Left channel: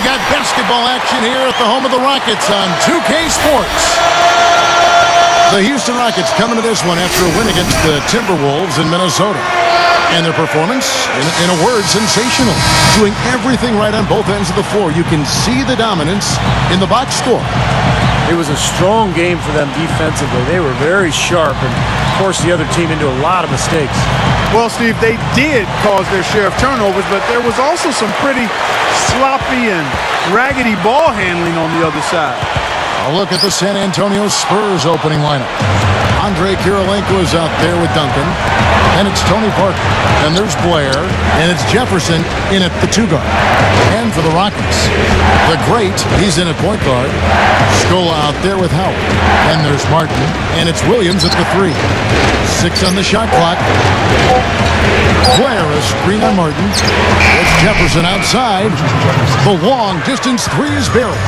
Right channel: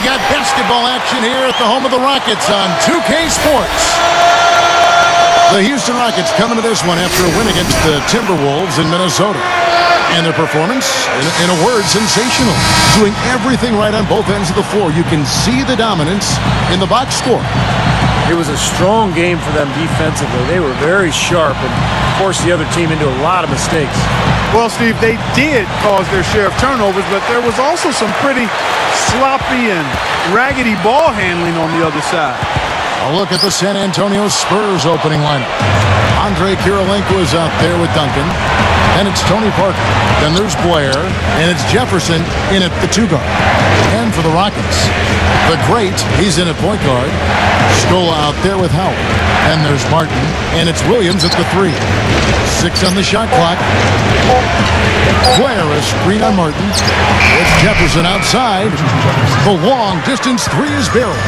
We've got basketball action here at the home of the Rockets on 2K Sports. The Houston Rockets coming to this one after a win against the Timberwolves in Minnesota. And their performance, in a word, sensational. Doing everything right on both ends of the floor. You can see the dominance in the box score. It was a strong game for them defensively. They were very sharp and forced the other team into a lot of mistakes. Well, Steve, they did cause their share of turnovers, but there was also some pretty sloppy and raggedy ball handling on the other side. A look at the San Antonio Spurs opening lineup. Andrei Kirilenko is out there with Duncan. Then it's Tony Parker. Then there's Blair. And it's Jefferson in at the 2 guard. And for the Rockets, the great, he's in at point guard. Scola out there with Howard. Then there's Martin. And it's Williams at the 3. 6 on the shot clock. Blair, a screen on Martin. It's Jefferson outside. The long distance 3 is buried.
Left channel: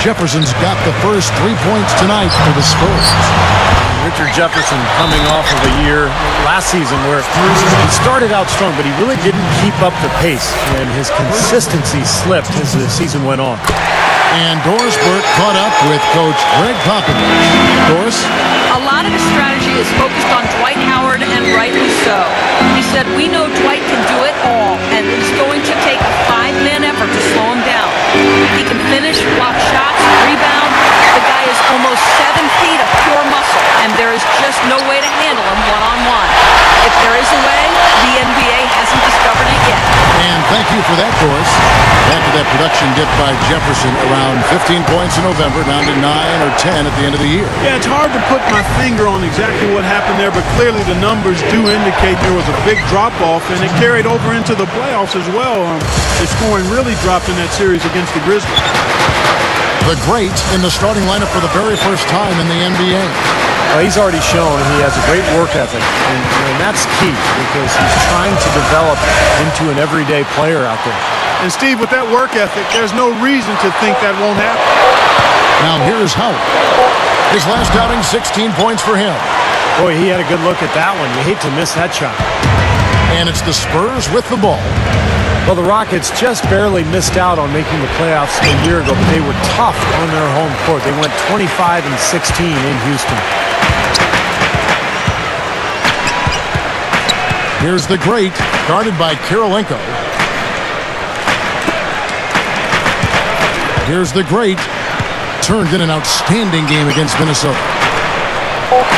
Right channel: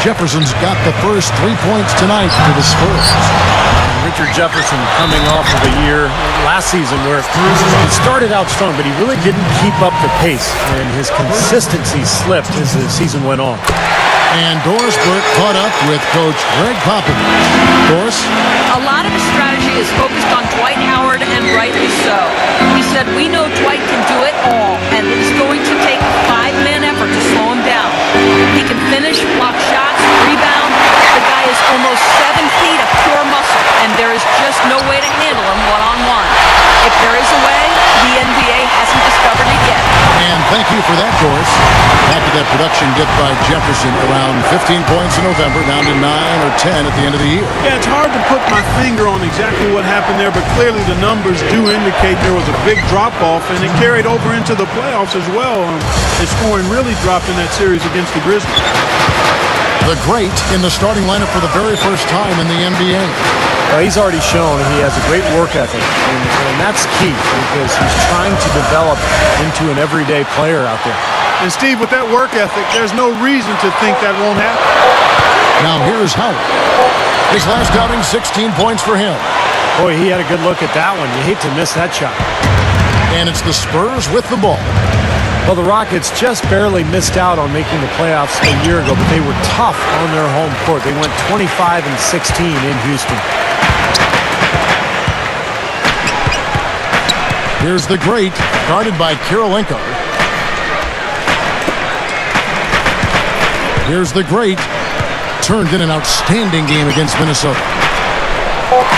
Jefferson's got the first 3 points tonight for the Spurs. And Richard Jefferson coming off of a year last season where he started out strong, but he really didn't keep up the pace, and his consistency slipped as the season went on. And Doris Burke caught up with Coach Greg Popovich. Doris? A lot of his strategy is focused on Dwight Howard, and rightly so. He said, we know Dwight can do it all, and it's going to take a 5-man effort to slow him down. He can finish, block shots, rebound. The guy is almost 7 feet of pure muscle, and there is just no way to handle him one-on-one. If there is a way, the NBA hasn't discovered it yet. And thank you for that, Doris. Back to that production dip by Jefferson, around 15 points in November, down to 9 or 10 at the end of the year. Yeah, it's hard to put my finger on exactly what happened there, but clearly the numbers do indicate there was a big drop-off, and it carried over into the playoffs as well. His scoring really dropped in that series against the Grizzlies. The great in the starting lineup for the very first time in the NBA. Well, he's already shown he has a great work ethic, and that's key because he's trying to develop into an everyday player out there. And, Steve, with that work ethic, there's no reason to think that won't happen. Now here's Howard. His last outing, 16 points for him. Boy, he had a good look at that one. You hate to miss that shot. And it's the Spurs with the ball. Well, the Rockets just barely missed out on making the playoffs a year ago, but they were tough on their home court. They went 25-16 in Houston. Here's the great, guarded by Kirilenko. Here's the great, turned in an outstanding game against Minnesota.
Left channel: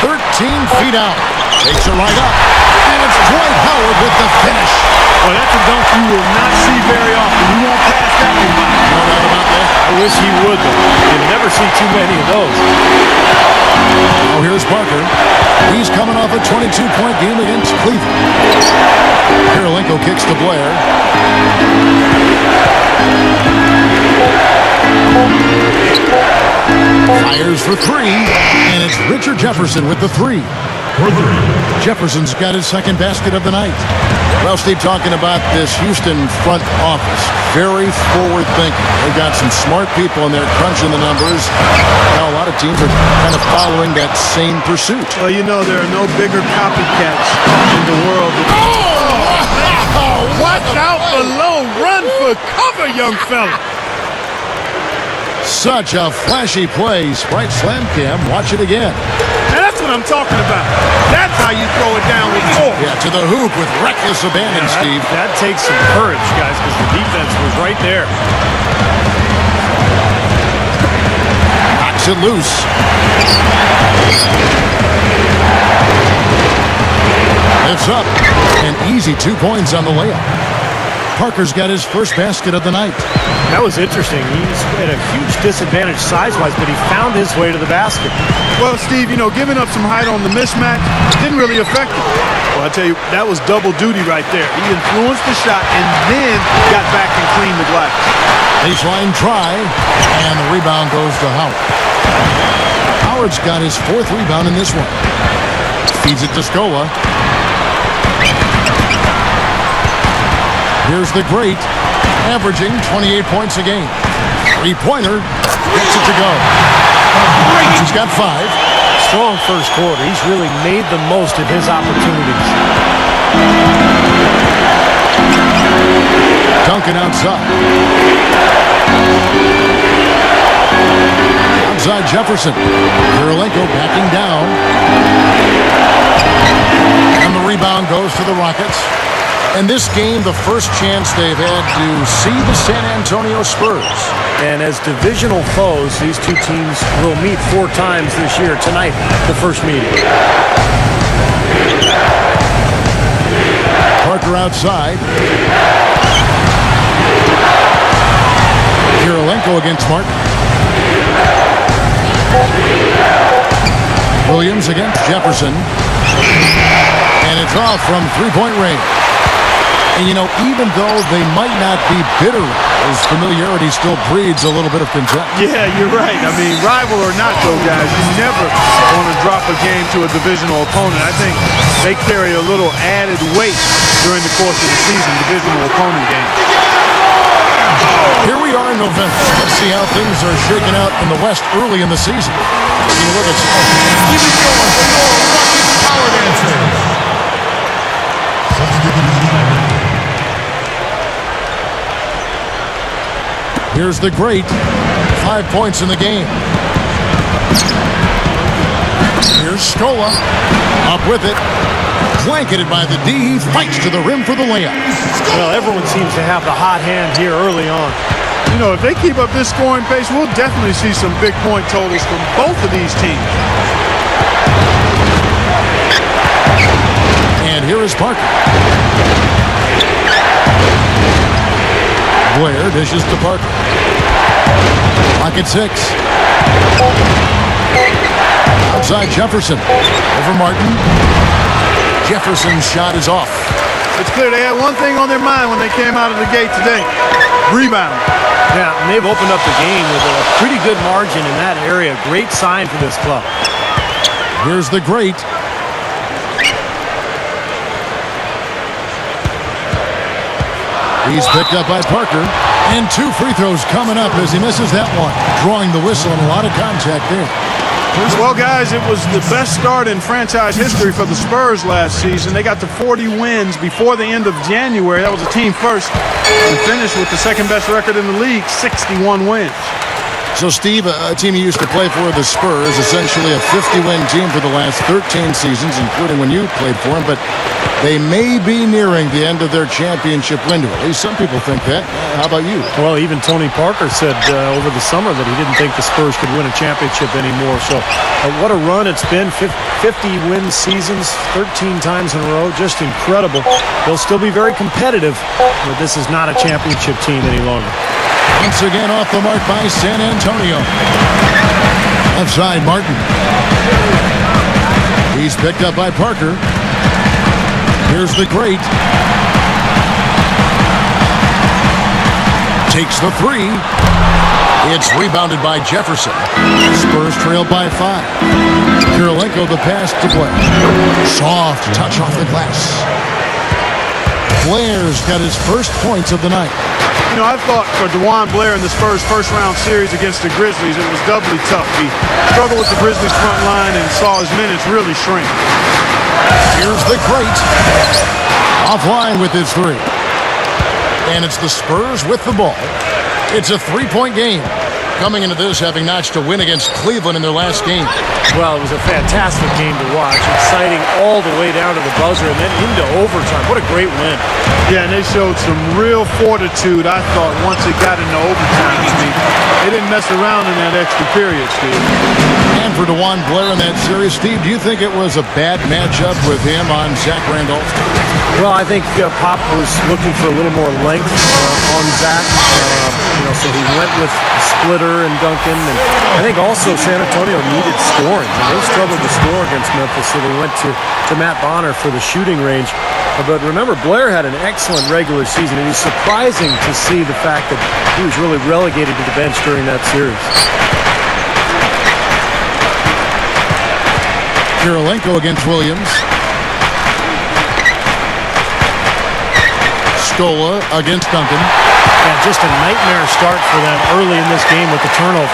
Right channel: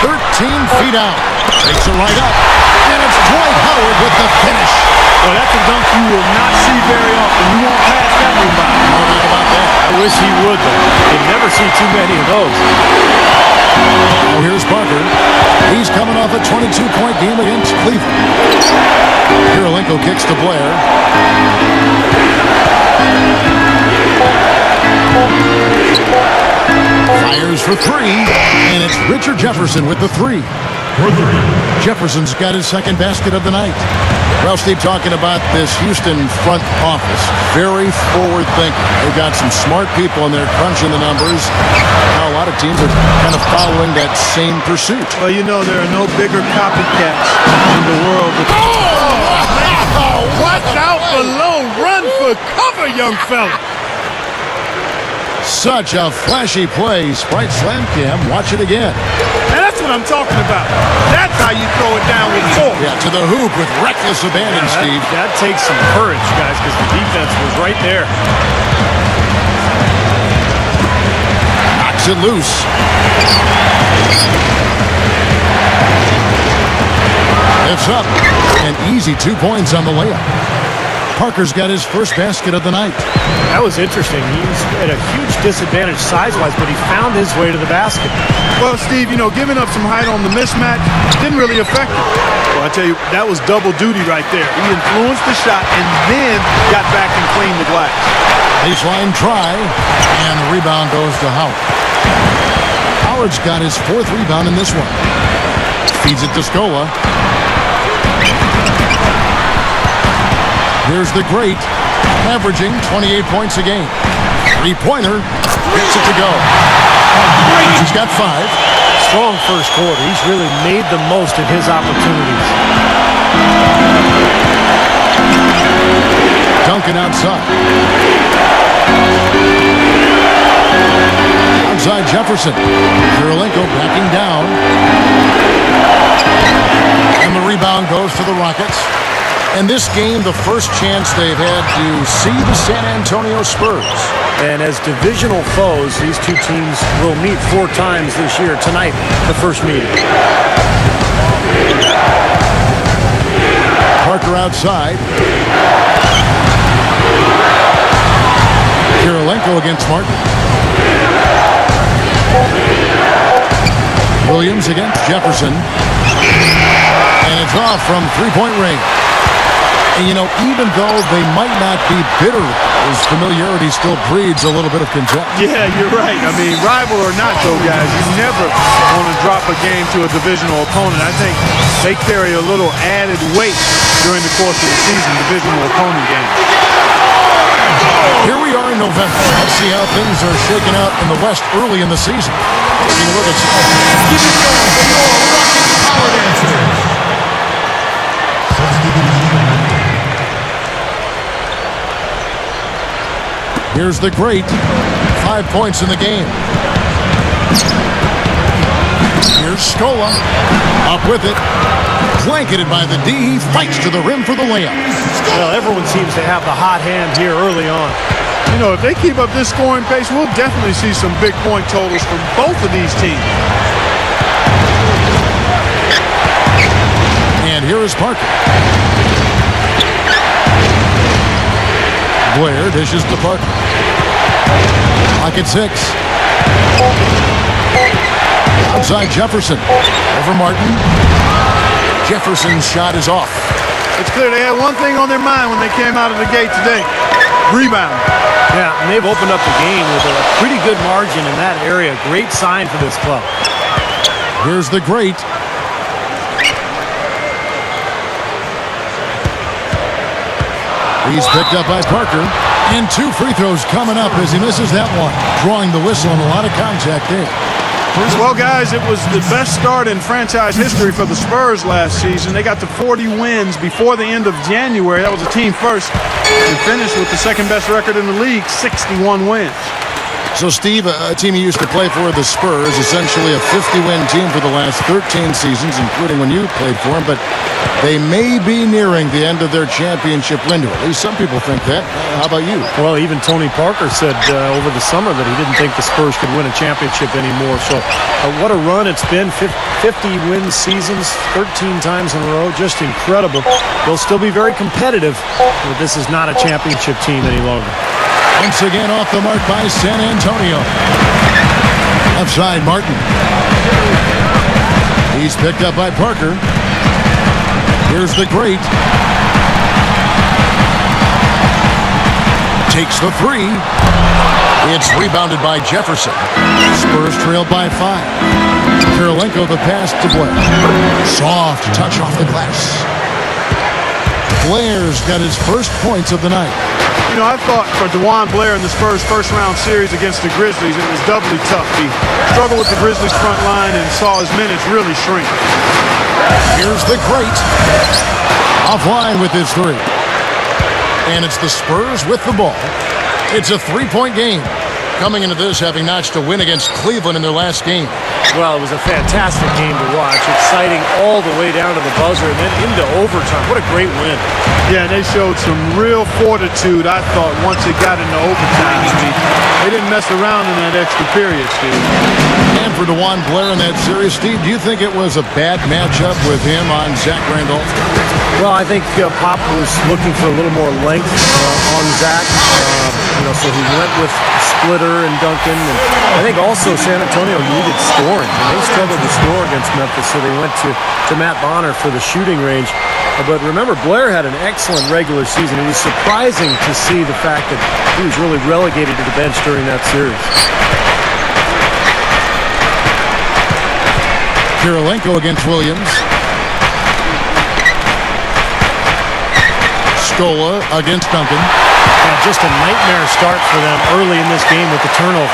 13 feet out, takes it right up, and it's Dwight Howard with the finish. Well, that's a dunk you will not see very often. You won't pass that one by. No doubt about that. I wish he would, though. You'd never see too many of those. Now here's Parker. He's coming off a 22-point game against Cleveland. Kirilenko kicks to Blair. Fires for 3, and it's Richard Jefferson with the 3. Jefferson's got his second basket of the night. Well, Steve, talking about this Houston front office, very forward-thinking. They've got some smart people in there crunching the numbers. Now a lot of teams are kind of following that same pursuit. Well, you know, there are no bigger copycats in the world. Watch out below. Run for cover, young fella. Such a flashy play. Sprite Slam Cam. Watch it again. Now, that's what I'm talking about. That's how you throw it down with force. Yeah, to the hoop with reckless abandon, Steve. That takes some courage, guys, because the defense was right there. Knocks it loose. Lifts up. An easy 2 points on the layup. Parker's got his first basket of the night. That was interesting. He was at a huge disadvantage size-wise, but he found his way to the basket. Well, Steve, you know, giving up some height on the mismatch didn't really affect him. Well, I tell you, that was double duty right there. He influenced the shot and then got back and cleaned the glass. Baseline try, and the rebound goes to Howard. Howard's got his 4th rebound in this one. Feeds it to Scola. Here's the great, averaging 28 points a game. 3-pointer, gets it to go. He's got 5. Strong first quarter. He's really made the most of his opportunities. Duncan outside. Outside Jefferson. Kirilenko backing down. And the rebound goes to the Rockets. And this game, the first chance they've had to see the San Antonio Spurs. And as divisional foes, these two teams will meet 4 times this year. Tonight, the first meeting. Parker outside. Kirilenko against Martin. Williams against Jefferson. And it's off from three-point range. And, you know, even though they might not be bitter rivals, familiarity still breeds a little bit of contempt. Yeah, you're right. I mean, rival or not, though, guys, you never want to drop a game to a divisional opponent. I think they carry a little added weight during the course of the season, divisional opponent games. Here we are in November. Let's see how things are shaking out in the West early in the season. Taking a look at Here's the great. 5 points in the game. Here's Scola. Up with it. Blanketed by the D. He fights to the rim for the layup. Well, everyone seems to have the hot hand here early on. You know, if they keep up this scoring pace, we'll definitely see some big point totals from both of these teams. And here is Parker. Blair dishes to Parker. Clock at 6. Outside Jefferson. Over Martin. Jefferson's shot is off. It's clear they had one thing on their mind when they came out of the gate today. Rebound. Yeah, and they've opened up the game with a pretty good margin in that area. Great sign for this club. Here's the great. He's picked up by Parker. And 2 free throws coming up as he misses that one. Drawing the whistle and a lot of contact there. Well, guys, it was the best start in franchise history for the Spurs last season. They got to 40 wins before the end of January. That was a team first. And finished with the second best record in the league, 61 wins. So, Steve, a team you used to play for, the Spurs, essentially a 50-win team for the last 13 seasons, including when you played for them, but they may be nearing the end of their championship window. At least some people think that. How about you? Well, even Tony Parker said over the summer that he didn't think the Spurs could win a championship anymore. So what a run it's been. 50-win seasons, 13 times in a row. Just incredible. They'll still be very competitive, but this is not a championship team any longer. Once again off the mark by San Antonio. Left side, Martin. He's picked up by Parker. Here's the great. Takes the 3. It's rebounded by Jefferson. Spurs trail by 5. Kirilenko the pass to Blair. Soft touch off the glass. Blair's got his first points of the night. You know, I thought for DeJuan Blair in the Spurs' first-round series against the Grizzlies, it was doubly tough. He struggled with the Grizzlies' front line and saw his minutes really shrink. Here's the great. Offline with his 3. And it's the Spurs with the ball. It's a 3-point game. Coming into this, having notched a win against Cleveland in their last game. Well, it was a fantastic game to watch. Exciting all the way down to the buzzer and then into overtime. What a great win. Yeah, and they showed some real fortitude, I thought, once it got into overtime. I mean, they didn't mess around in that extra period, Steve. And for DeJuan Blair in that series, Steve, do you think it was a bad matchup with him on Zach Randolph? Well, I think Pop was looking for a little more length on Zach. So he went with Splitter and Duncan. And I think also San Antonio needed scoring. And they struggled to score against Memphis, so they went to Matt Bonner for the shooting range. But remember, Blair had an excellent regular season. It was surprising to see the fact that he was really relegated to the bench during that series. Kirilenko against Williams. Scola against Duncan. Yeah, just a nightmare start for them early in this game with the turnovers.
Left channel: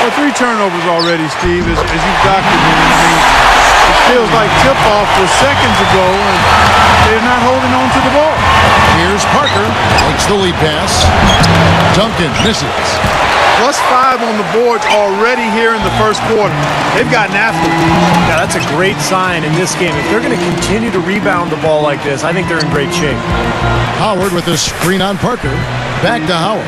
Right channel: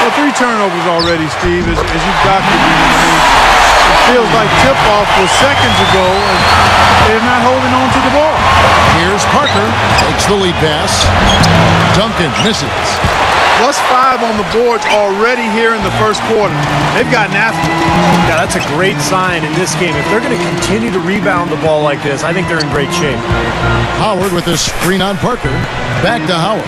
Well, 3 turnovers already, Steve, as you've documented. I mean, it feels like tip-off was seconds ago, and they're not holding on to the ball. Here's Parker. Takes the lead pass. Duncan misses. +5 on the boards already here in the first quarter. They've gotten after it. Yeah, that's a great sign in this game. If they're going to continue to rebound the ball like this, I think they're in great shape. Howard with a screen on Parker. Back to Howard.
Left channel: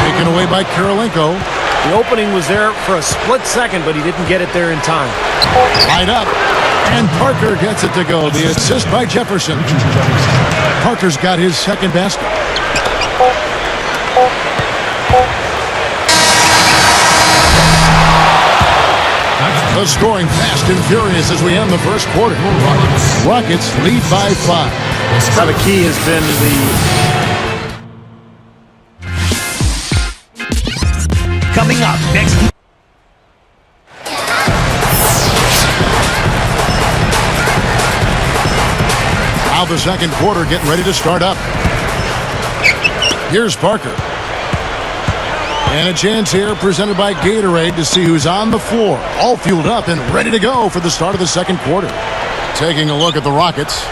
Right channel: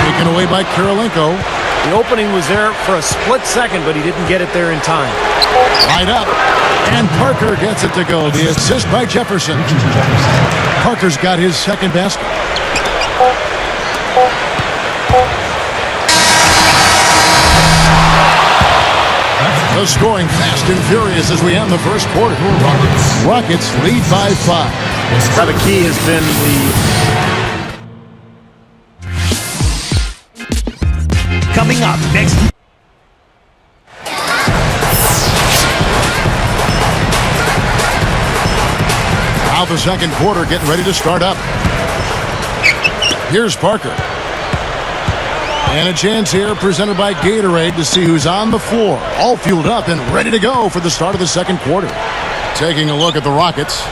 Taken away by Kirilenko. The opening was there for a split second, but he didn't get it there in time. Right up. And Parker gets it to go. The assist by Jefferson. Parker's got his second basket. The scoring fast and furious as we end the first quarter. Rockets lead by 5. Now the key has been the... Coming up next. Now the second quarter getting ready to start up. Here's Parker. And a chance here presented by Gatorade to see who's on the floor. All fueled up and ready to go for the start of the second quarter. Taking a look at the Rockets.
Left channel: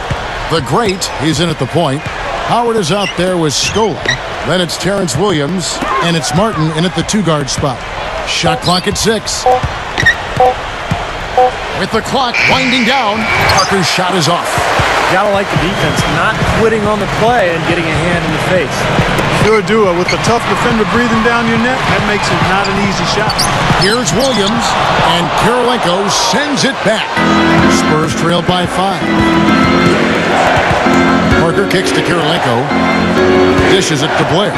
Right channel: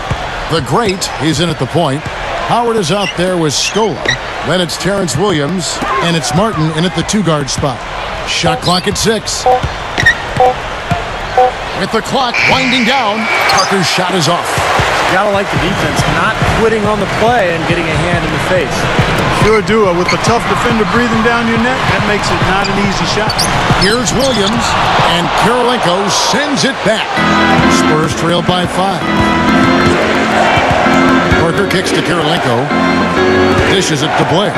The great, he's in at the point. Howard is out there with Scola. Then it's Terrence Williams. And it's Martin in at the 2-guard spot. Shot clock at 6. With the clock winding down, Parker's shot is off. Gotta like the defense not quitting on the play and getting a hand in the face. Sure do. With a tough defender breathing down your neck, that makes it not an easy shot. Here's Williams, and Kirilenko sends it back. Spurs trail by 5. Parker kicks to Kirilenko. Dishes it to Blair.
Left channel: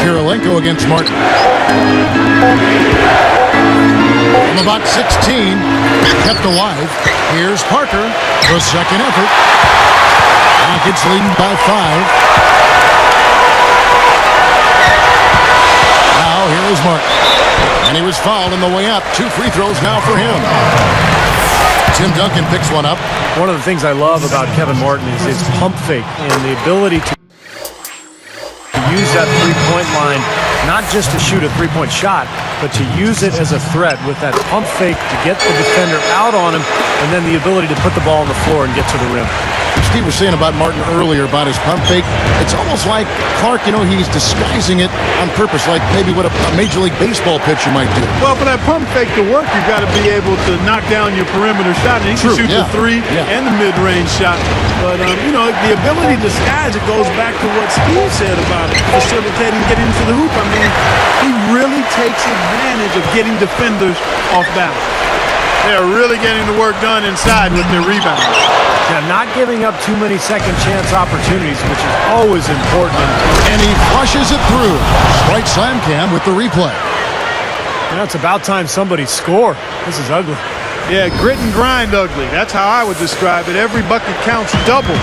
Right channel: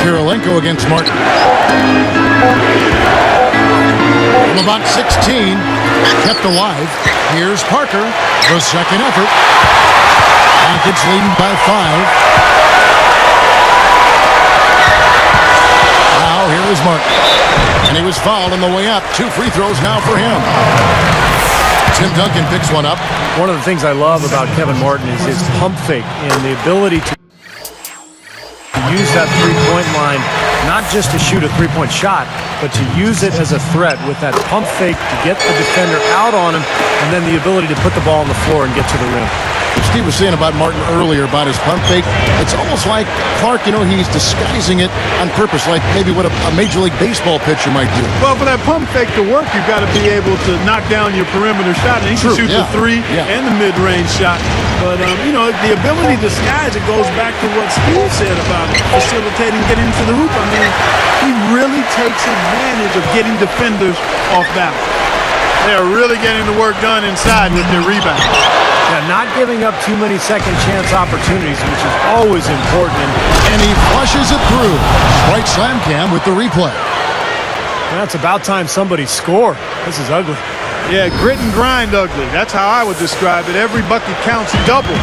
Kirilenko against Martin. From about 16, kept alive. Here's Parker, the second effort. Rockets leading by 5. Now here is Martin. And he was fouled on the way up. 2 free throws now for him. Tim Duncan picks one up. One of the things I love about Kevin Martin is his pump fake and the ability to use that three-point line, not just to shoot a three-point shot, but to use it as a threat with that pump fake to get the defender out on him, and then the ability to put the ball on the floor and get to the rim. Steve was saying about Martin earlier about his pump fake. It's almost like Clark, he's disguising it on purpose, like maybe what a Major League Baseball pitcher might do. Well, for that pump fake to work, you've got to be able to knock down your perimeter shot. And he can shoot the 3 and the mid-range shot. But, the ability to disguise it goes back to what Steve said about it, facilitating getting into the hoop. I mean, he really takes advantage of getting defenders off balance. They are really getting the work done inside with their rebound. Yeah, not giving up too many second chance opportunities, which is always important. And he flushes it through. Sprite Slam Cam with the replay. Now it's about time somebody score. This is ugly. Yeah, grit and grind ugly. That's how I would describe it. Every bucket counts double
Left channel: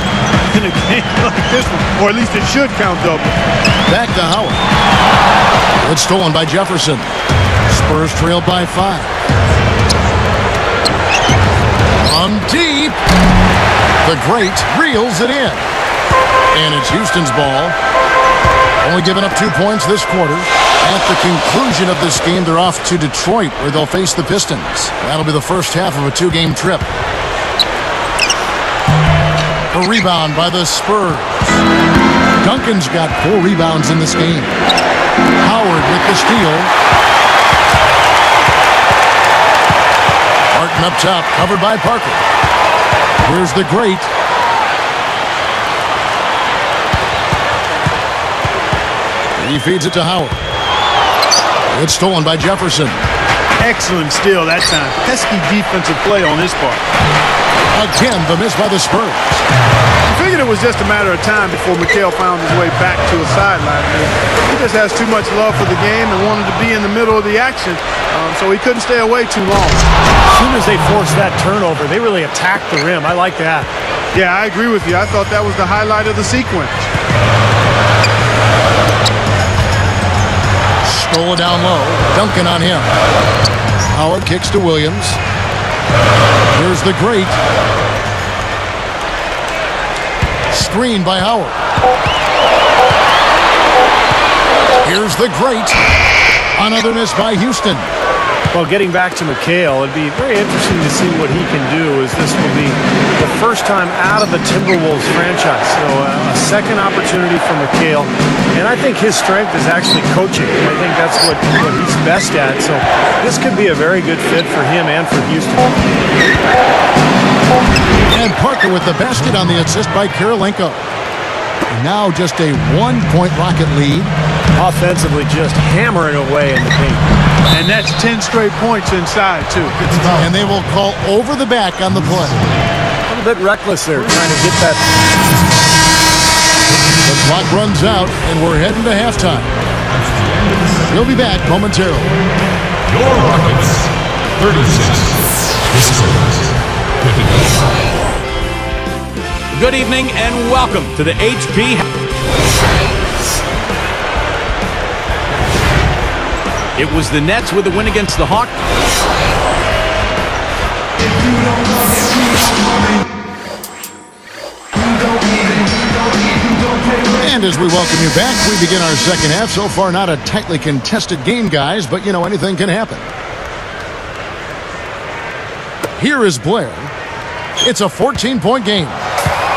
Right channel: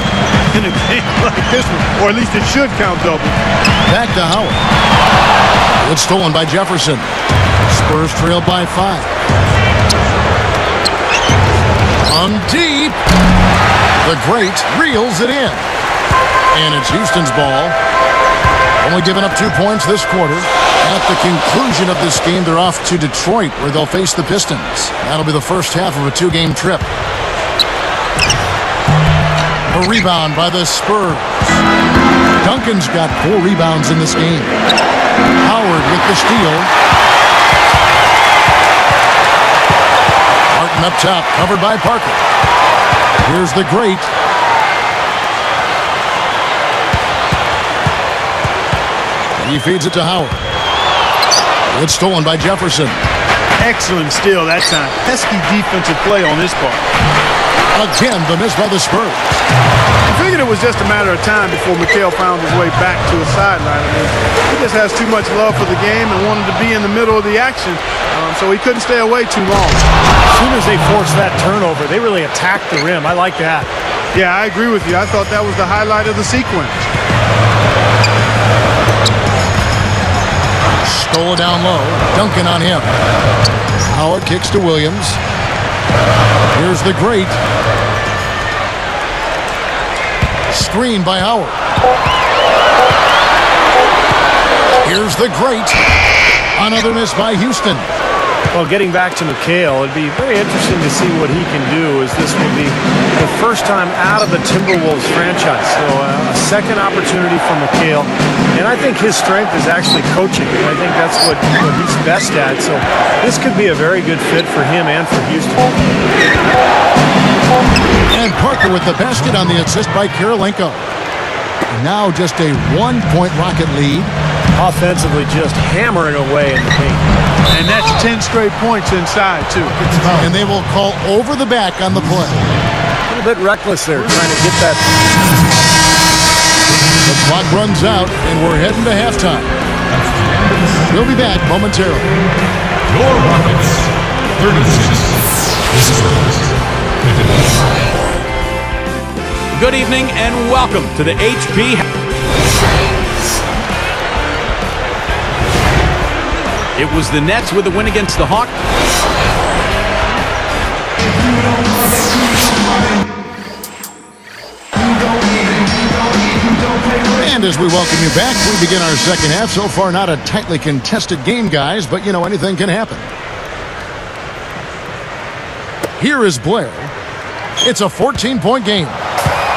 in a game like this one. Or at least it should count double. Back to Howard. It's stolen by Jefferson. Spurs trail by 5. On deep. The great reels it in. And it's Houston's ball. Only giving up 2 points this quarter. At the conclusion of this game, they're off to Detroit, where they'll face the Pistons. That'll be the first half of a 2-game trip. A rebound by the Spurs. Duncan's got 4 rebounds in this game. Howard with the steal. Martin up top, covered by Parker. Here's the great. He feeds it to Howard. It's stolen by Jefferson. Excellent steal that time. Pesky defensive play on his part. Again, the miss by the Spurs. I figured it was just a matter of time before Mikal found his way back to a sideline. I mean, he just has too much love for the game and wanted to be in the middle of the action, so he couldn't stay away too long. As soon as they forced that turnover, they really attacked the rim. I like that. Yeah, I agree with you. I thought that was the highlight of the sequence. Scola down low. Duncan on him. Howard kicks to Williams. Here's the great. Screen by Howard. Here's the great. Another miss by Houston. Well, getting back to McHale, it'd be very interesting to see what he can do, as this will be the first time out of the Timberwolves franchise. So a second opportunity for McHale. And I think his strength is actually coaching. I think that's what he's best at. So this could be a very good fit for him and for Houston. And Parker with the basket on the assist by Kirilenko. And now just a 1-point Rocket lead. Offensively, just hammering away in the paint. And that's 10 straight points inside, too. And they will call over the back on the play. A little bit reckless there, trying to get that. The clock runs out, and we're heading to halftime. We'll be back momentarily. Your Rockets, 36. Good evening and welcome to the HP. It was the Nets with the win against the Hawks. And as we welcome you back, we begin our second half. So far, not a tightly contested game, guys, but you know, anything can happen. Here is Blair. It's a 14-point game.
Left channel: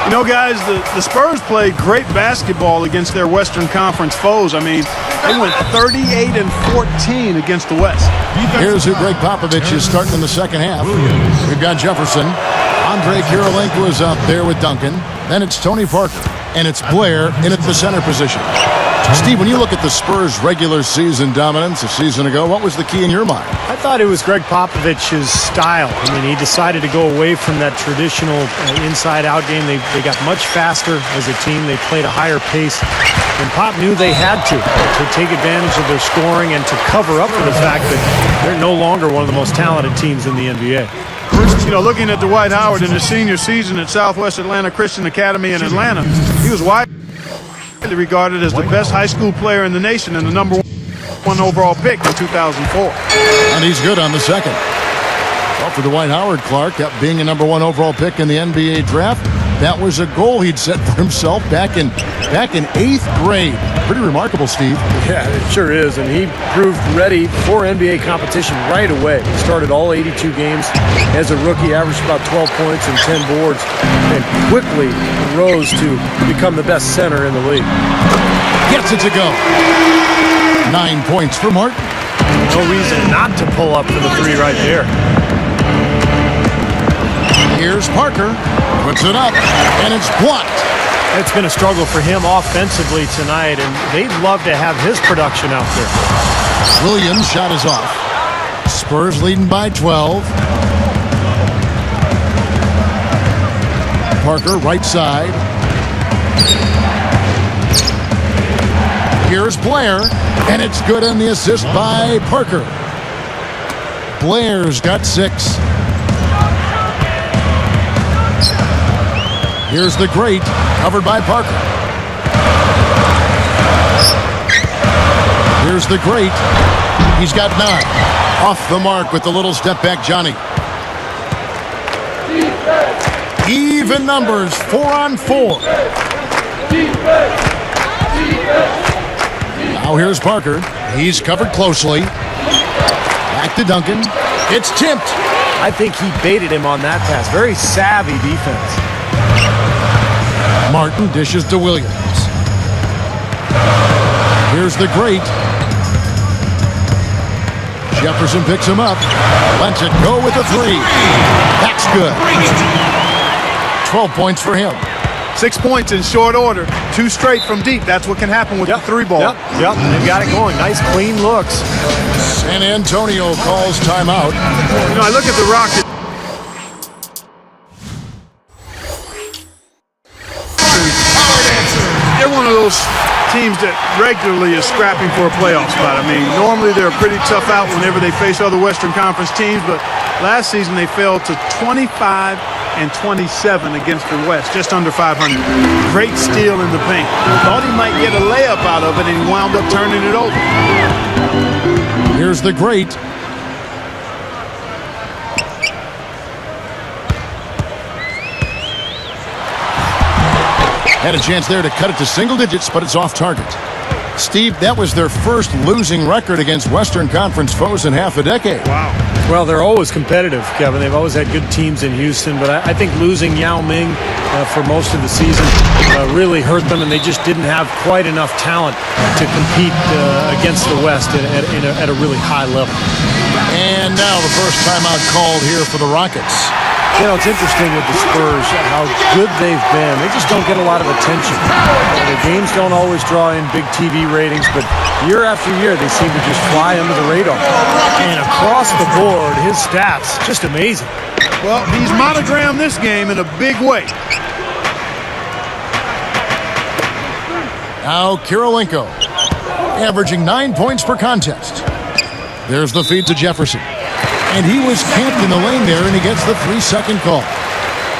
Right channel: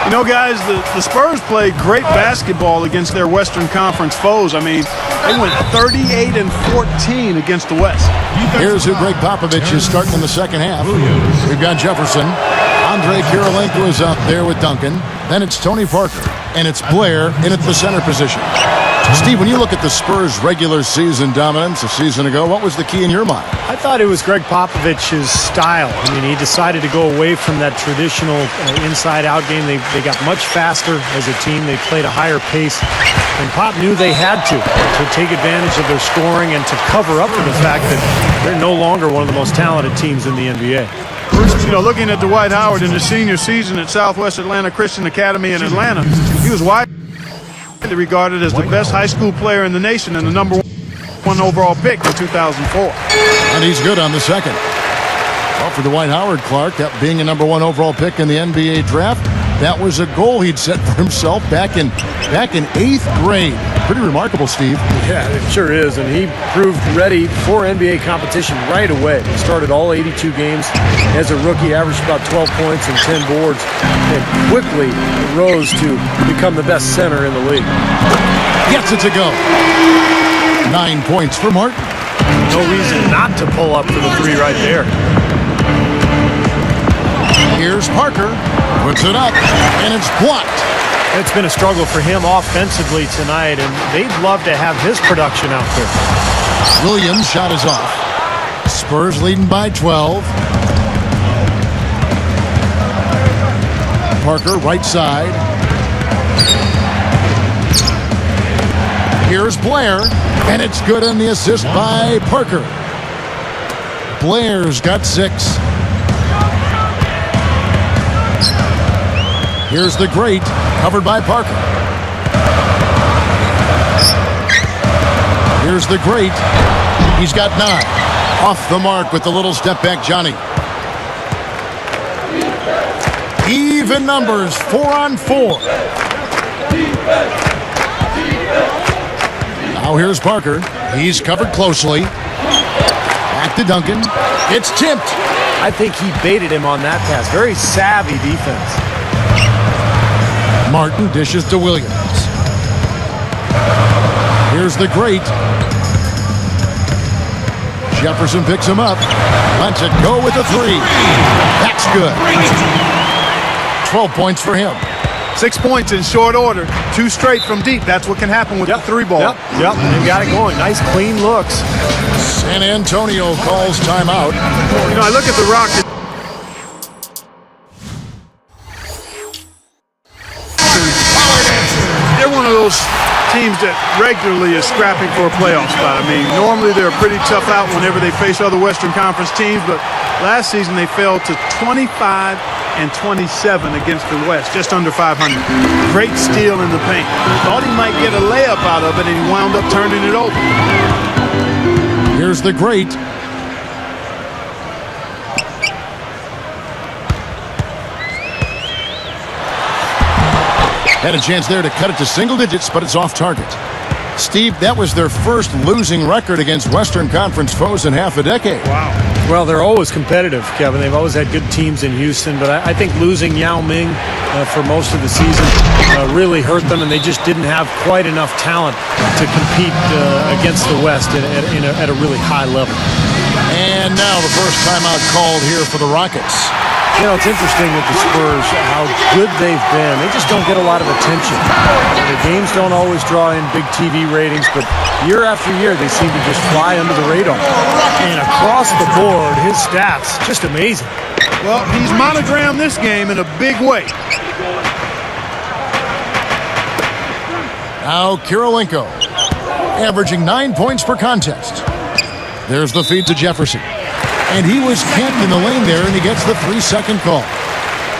You know, guys, the Spurs played great basketball against their Western Conference foes. I mean, they went 38-14 against the West. Here's who Greg Popovich is starting in the second half. We've got Jefferson. Andre Kirilenko is out there with Duncan. Then it's Tony Parker. And it's Blair in at the center position. Steve, when you look at the Spurs' regular season dominance a season ago, what was the key in your mind? I thought it was Greg Popovich's style. I mean, he decided to go away from that traditional inside-out game. They got much faster as a team. They played a higher pace. And Pop knew they had to take advantage of their scoring and to cover up for the fact that they're no longer one of the most talented teams in the NBA. You know, looking at Dwight Howard in his senior season at Southwest Atlanta Christian Academy in Atlanta, he was widely regarded as the best high school player in the nation and the number one overall pick in 2004. And he's good on the second. Well, for Dwight Howard, Clark, being a number one overall pick in the NBA draft, that was a goal he'd set for himself back in 8th grade. Pretty remarkable, Steve. Yeah, it sure is, and he proved ready for NBA competition right away. He started all 82 games as a rookie, averaged about 12 points and 10 boards, and quickly rose to become the best center in the league. Gets it to go. 9 points for Martin. No reason not to pull up for the three right there. Here's Parker. Puts it up, and it's blocked. It's been a struggle for him offensively tonight, and they'd love to have his production out there. Williams' shot is off. Spurs leading by 12. Parker, right side. Here's Blair, and it's good on the assist by Parker. Blair's got 6. Here's the great, covered by Parker. Here's the great. He's got 9. Off the mark with the little step back, Johnny. Even numbers, 4 on 4. Now here's Parker. He's covered closely. Back to Duncan. It's tipped. I think he baited him on that pass. Very savvy defense. Martin dishes to Williams. Here's the great. Jefferson picks him up. Lets it go with a 3. That's good. 12 points for him. 6 points in short order. 2 straight from deep. That's what can happen with the 3 ball. Yep, they've got it going. Nice, clean looks. San Antonio calls timeout. You know, I look at the Rockets. They're one of those teams that regularly is scrapping for a playoff spot. I mean, normally they're a pretty tough out whenever they face other Western Conference teams, but last season they fell to 25-27 against the West, just under 500. Great steal in the paint. Thought he might get a layup out of it, and he wound up turning it over. Here's the great. Had a chance there to cut it to single digits, but it's off target. Steve, that was their first losing record against Western Conference foes in half a decade. Wow. Well, they're always competitive, Kevin. They've always had good teams in Houston, but I think losing Yao Ming for most of the season really hurt them, and they just didn't have quite enough talent to compete against the West at a really high level. And now the first timeout called here for the Rockets. You know, it's interesting with the Spurs how good they've been. They just don't get a lot of attention. Their games don't always draw in big TV ratings, but year after year they seem to just fly under the radar. And across the board, his stats, just amazing. Well, he's monogrammed this game in a big way. Now Kirilenko, averaging 9 points per contest. There's the feed to Jefferson. And he was camped in the lane there, and he gets the 3-second call.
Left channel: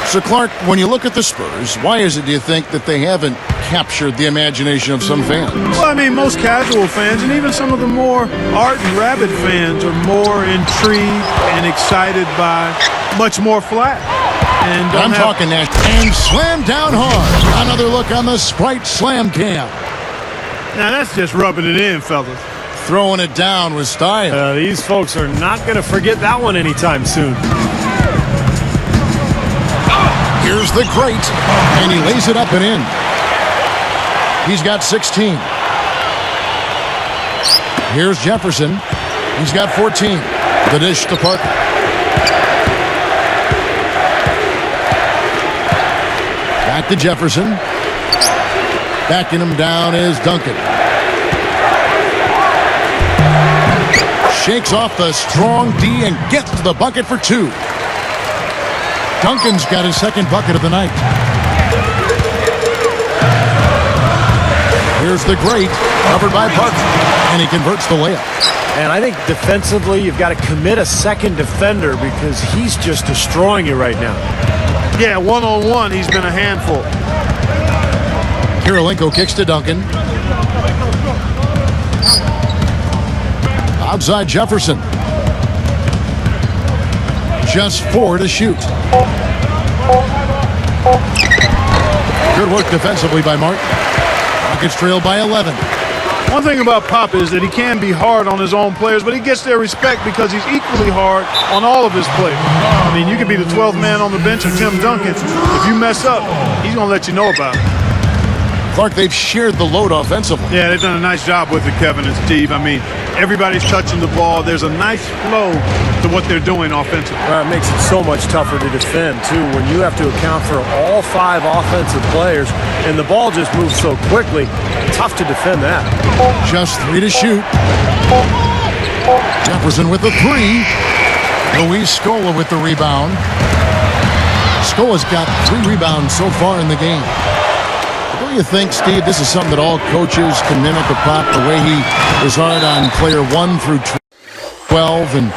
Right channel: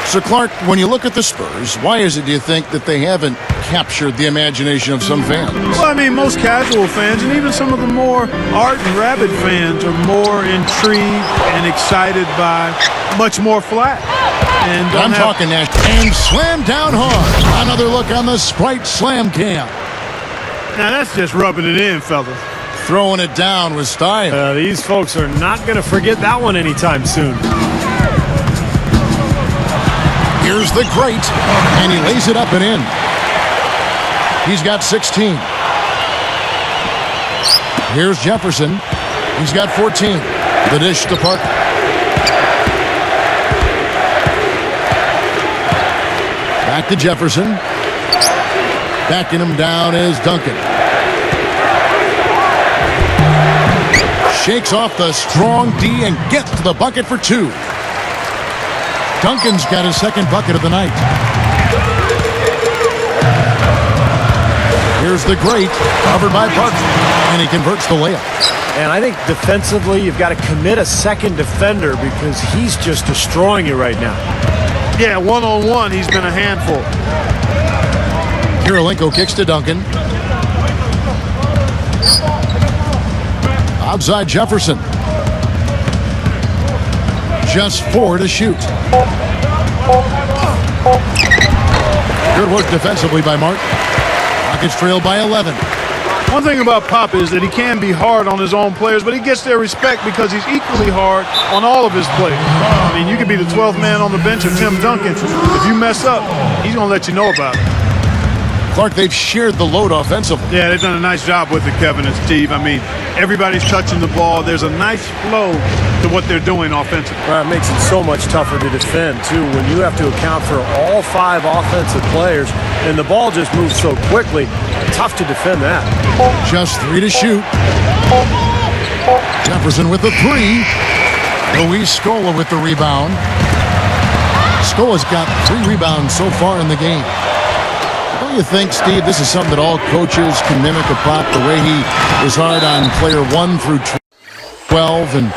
So, Clark, when you look at the Spurs, why is it, do you think, that they haven't captured the imagination of some fans? Well, I mean, most casual fans and even some of the more ardent, rabid fans are more intrigued and excited by much more flat. And I'm talking Nash. And slammed down hard. Another look on the Sprite Slam Cam. Now, that's just rubbing it in, fellas. Throwing it down with style. These folks are not going to forget that one anytime soon. Here's the great, and he lays it up and in. He's got 16. Here's Jefferson. He's got 14. The dish to Parker. Back to Jefferson. Backing him down is Duncan. Shakes off the strong D and gets to the bucket for 2. Duncan's got his second bucket of the night. Here's the great, covered by Parker, and he converts the layup. And I think defensively, you've got to commit a second defender because he's just destroying you right now. Yeah, one-on-one, he's been a handful. Kirilenko kicks to Duncan. Outside Jefferson. Just 4 to shoot. Good work defensively by Martin. Rockets trail by 11. One thing about Pop is that he can be hard on his own players, but he gets their respect because he's equally hard on all of his players. I mean, you could be the 12th man on the bench or Tim Duncan. If you mess up, he's going to let you know about it. Clark, they've shared the load offensively. Yeah, they've done a nice job with it, Kevin and Steve. I mean, everybody's touching the ball. There's a nice flow to what they're doing offensively. It makes it so much tougher to defend, too, when you have to account for all 5 offensive players and the ball just moves so quickly. Tough to defend that. Just 3 to shoot. Jefferson with the 3. Luis Scola with the rebound. Scola's got 3 rebounds so far in the game. But don't you think, Steve, this is something that all coaches can mimic of Pop, the way he is hard on player 1 through 12, and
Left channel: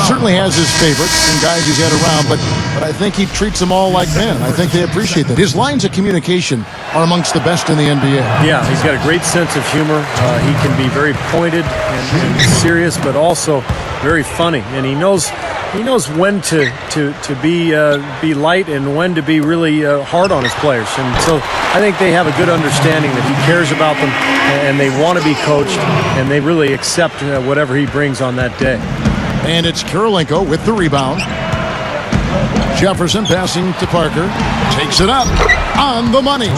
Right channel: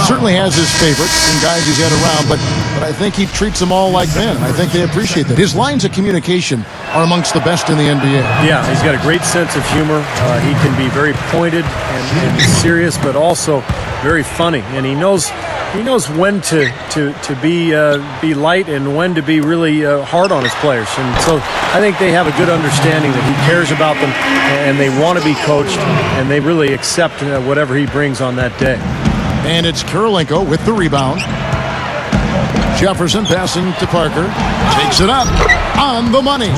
certainly has his favorites and guys he's had around, but I think he treats them all like men, and I think they appreciate that. His lines of communication are amongst the best in the NBA. Yeah, he's got a great sense of humor. He can be very pointed and serious, but also very funny, and he knows when to be light and when to be really hard on his players. And so I think they have a good understanding that he cares about them and they want to be coached, and they really accept whatever he brings on that day. And it's Kirilenko with the rebound. Jefferson passing to Parker. Takes it up on the money.